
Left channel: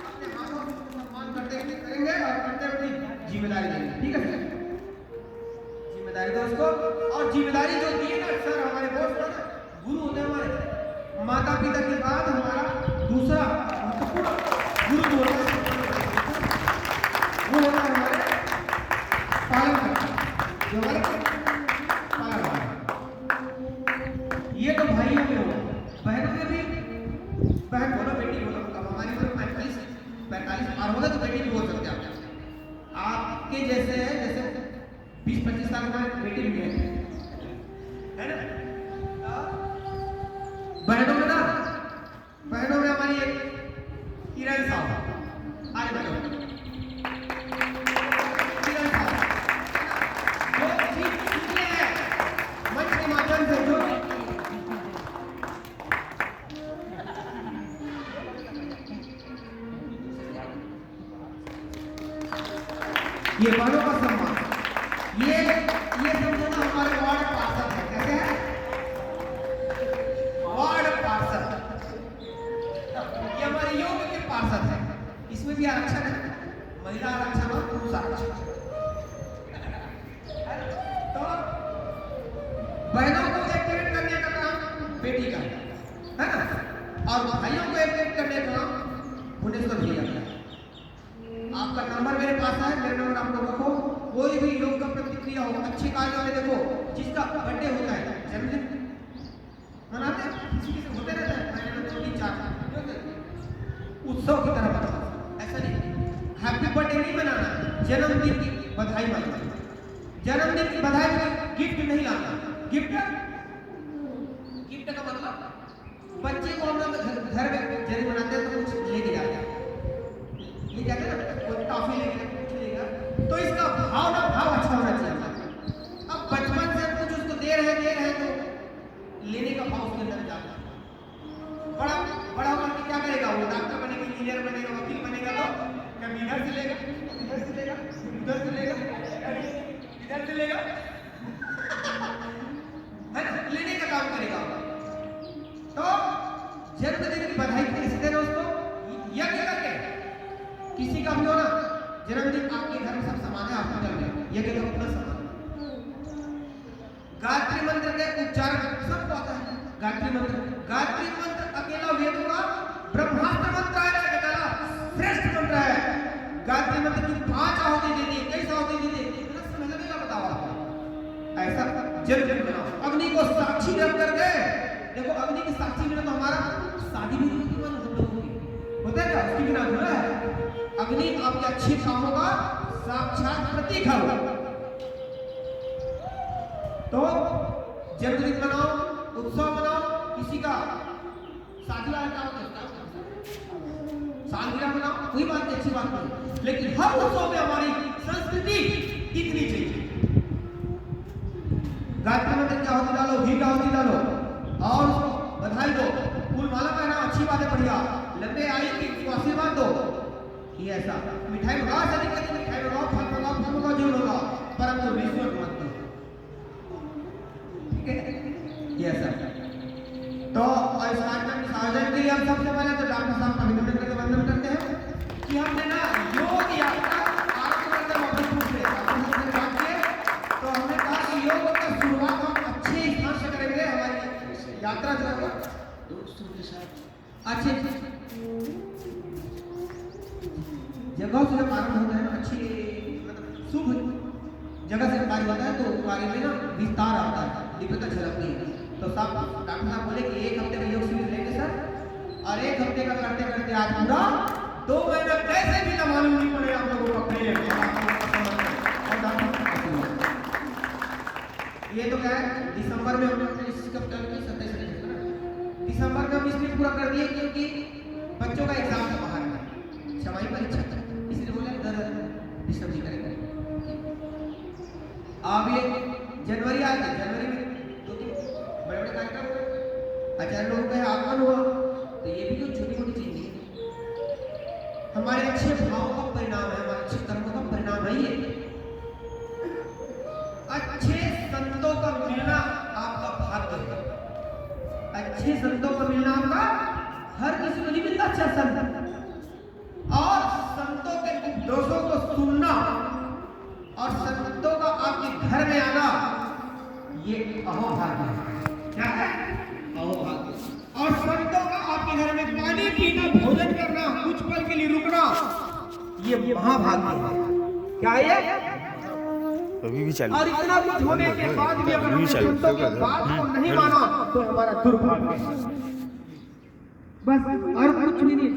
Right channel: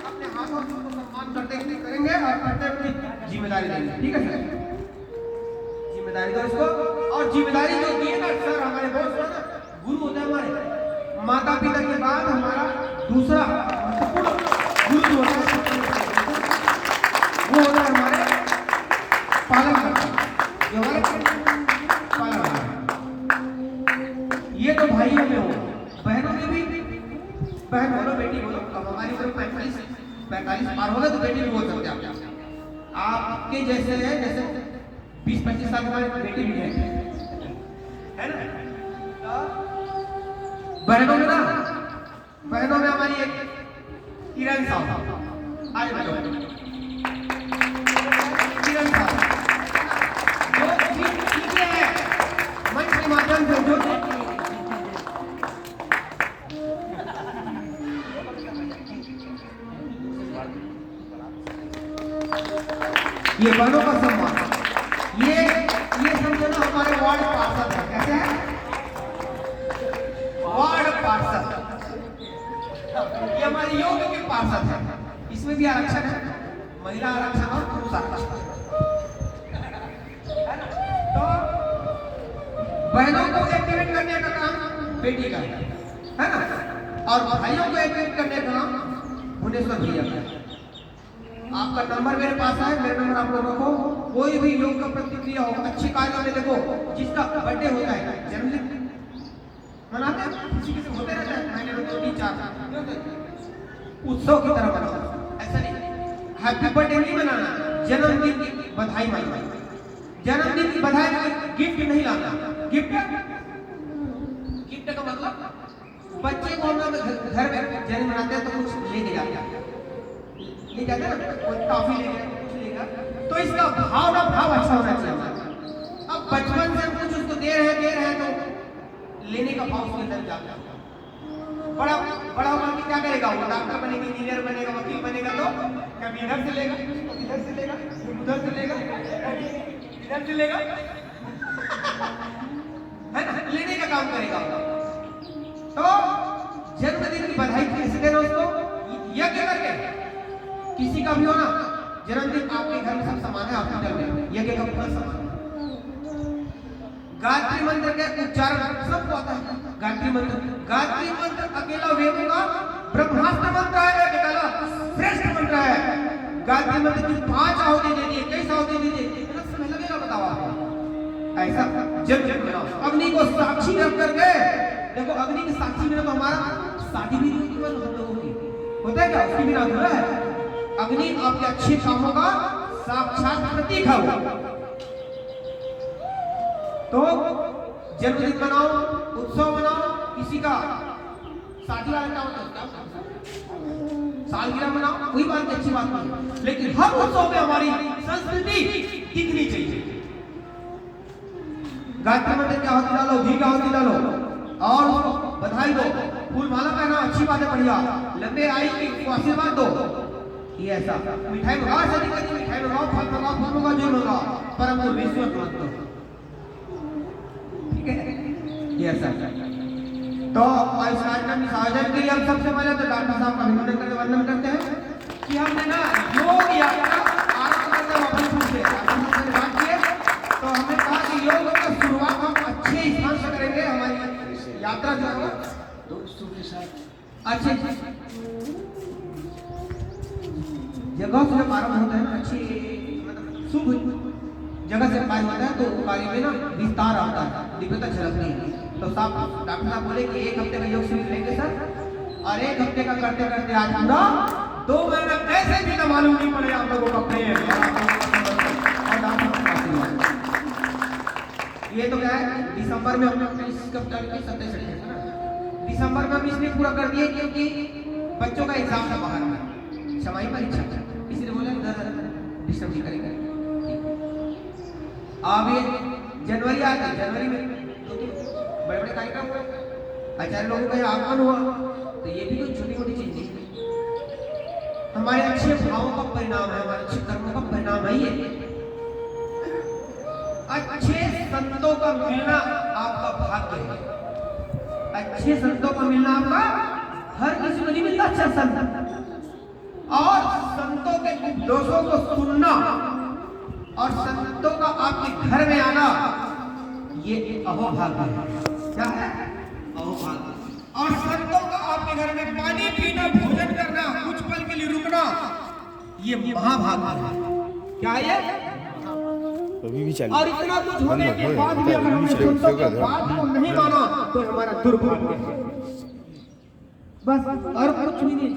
अपने हाथों से सम्मान करते हुए करेंगे और करते हुए जिम्मेदारी देंगे, ठीक है सर? जिम्मेदारी दो इसको, और जिम्मेदारी जो दिए ना सर हमारे बहुत बड़ा गुरु होता है, हमारे माता पिता के बाद हमारा दूसरा गुरु जो होता है वो होता है हमारे पालन करता, जो हमारे पालन करता। ये तो भाइयों में हो, बहनों में भी, बहन बोलो बेटी बोलो, अब हमारी उम्र 45 पार होगा तो बेटी भी बोल सकते हैं आप। आपके जैसे है, जैसे 20-25 साल के बाद बेटी भी है ना। बहनों में ना, बहनों में हमारी एक किरण साहब, आज बैठो किरण साहब, जो चीजें हैं मंच के माध्यम से जो ये बहनों का सम्मान, ये समझो ना हमारे वार्ड पार्षद है, कैसे है वार्ड पार्षद, ये हमारे योग के पार्षद है। इसमें भी आरक्षण है, महिला आरक्षण और पुरुष आरक्षण है ना। तो बहनों को एक्टिवेट करने का काम बेटी का है ना, और भाइयों को एक्टिवेट करने का काम भुवनेश्वर भैया का। आपका नंबर मेरे पास है, मेरा नंबर आप लोग रखो। कोई भी योग का प्रतिक्रिया हो, अच्छे कार्य में देखो, जिसका बर्थडे होता है, जन्मदिन मनाते हैं, किसी किसी होते रहते हैं, महीने में 2-3-4 उत्सव की तरह मनाओ, ऐसा नहीं। हैप्पी बर्थडे नहीं मनाना, जन्मदिन की बधाई मनाना। जन्मदिन की बधाई में गिफ्ट नहीं लाना। गिफ्ट का मतलब बच्चे को हम लोग घर में जन्म मनाते हैं तो कुछ लेके जाते हैं, ले जाते हैं ना, कोई टॉफी लेगा, तो इसका भाव अच्छा होना चाहिए हमारा। अब बचपन से कुछ उसको दे रहे हैं तो लेने का भाव उसके अंदर जाता है। बड़ा होकर के क्या करेगा वो? डॉक्टर बनेगा, इंजीनियर बनेगा, वकील बनेगा, तो कभी इधर से लेगा, कभी इधर से लेगा, उधर से लेगा, इधर से लेगा, है ना, लेने का काम करेगा। तो जन्मदिन की बधाई कैसे देना उसको? यज्ञ करके। किसी का भी हो ना जन्मदिन, आपके घर में सब सामान है, आपके घर में यज्ञ का पूरा सामान, गायत्री मंत्र के उच्चारण सबको आता है। गायत्री मंत्र अकेला वेदों का ब्रह्मास्त्र मंत्र है, अकेला श्रेष्ठ मंत्र है। गायत्री मंत्र की 5 आहुति दे दी, 21 आहुति दे दी, कितना समय लगेगा बताओ आपको? ऐसा जब बनाओ, अग्नि को साक्षी रख करके देखो, अग्नि की साक्षी बिना तो हमारा शादी भी नहीं होती हम लोगों की, होता है क्या? उसके बिना अधूरा है। अग्नि आपके अच्छे कामों का साक्षात प्रतीक है। तो जन्मदिन मनाओ, उत्सव मनाओ, किसी का शादी वाला क्या होता है, सालगिरह मनाओ, कोई बात नहीं, अच्छी बात नहीं, लेकिन हर उत्सव में हमारी संस्कृति दिखनी चाहिए। गायत्री मंत्र की आहुति डालो, घी का आहुति डालो और उसको बधाई दो, फूल माला पहना, अच्छी बात है, बढ़िया, लंबे आयु को आशीर्वाद दो। ये ऐसा मिठाई मंगाओ, शादी करके मिठाई मंगाओ, फल मंगाओ, फल मंगाओ, जो मंगाओ, परंतु विश्व मत दो, ठीक है? ये ऐसा। तो इस कार्यक्रम के आयोजन के लिए हम सबसे पहले तो डॉक्टर साहब का वंदन करते हैं कि हमने ना योग यात्रा आरंभ करते हैं भोजपुर से, डॉक्टर साहब से बात किए तो हमने कहा कि योग का शुरुआत हम अच्छे स्थान से करेंगे। हमारी यात्रा जो है दोस्तों के साथ अच्छे जगह से प्रारंभ होता है ना, अच्छी मतलब शुभ जगह से कार्य होता है, तो कार्य में ना विस्तार आता है, दिव्यता झलकती है। तो साहब डॉक्टर साहब बोले कि 1 हफ्ते का योग शिविर लेंगे सर, और 1 हफ्ते का करते करते आज पूरा 2 महीना कैसे भी तो मालूम नहीं पड़ेगा आप लोगों का प्रेम और डॉक्टर साहब का आशीर्वाद। ये तो क्या है, दिसंबर में हम लोग कब कर के 27 है ना, दिसंबर में हम इसलिए पूरा कर दिए क्योंकि बच्चों का एग्जाम था बाहर में, छमाही परीक्षा था, इसलिए बोले घर डिस्टर्ब नहीं करेंगे। अब ये जनवरी आ गई, जनवरी में बड़े बड़े कार्यक्रम हुए, आचार्य लोगों का आगमन हुआ, तो ये भी कोई छोटी मोटी चीज नहीं, हमारे अच्छे भावों का परिणाम है, हमारे अच्छे कर्मों का परिणाम है ये। अच्छे संतों का मिलना आपका भाग्य है, अच्छे संतों का मिलना आपका हर किसी को नहीं मिलता अच्छा संत, और संतों के उपदेशों को सुनना और संतों का आपके घर में आना ये अहोभाग्य है। क्या है? अहोभाग्य। और संतों का आपके घर में पानी पीना, भोजन करना, कुछ पल के लिए रुकना, ये महाभाग्य है। क्या है? अभी भी चल, और इतना कुछ होने के बाद भी अगर हमने संतों की बात को नहीं माना तो हमारा दुर्भाग्य है, बस और कुछ नहीं।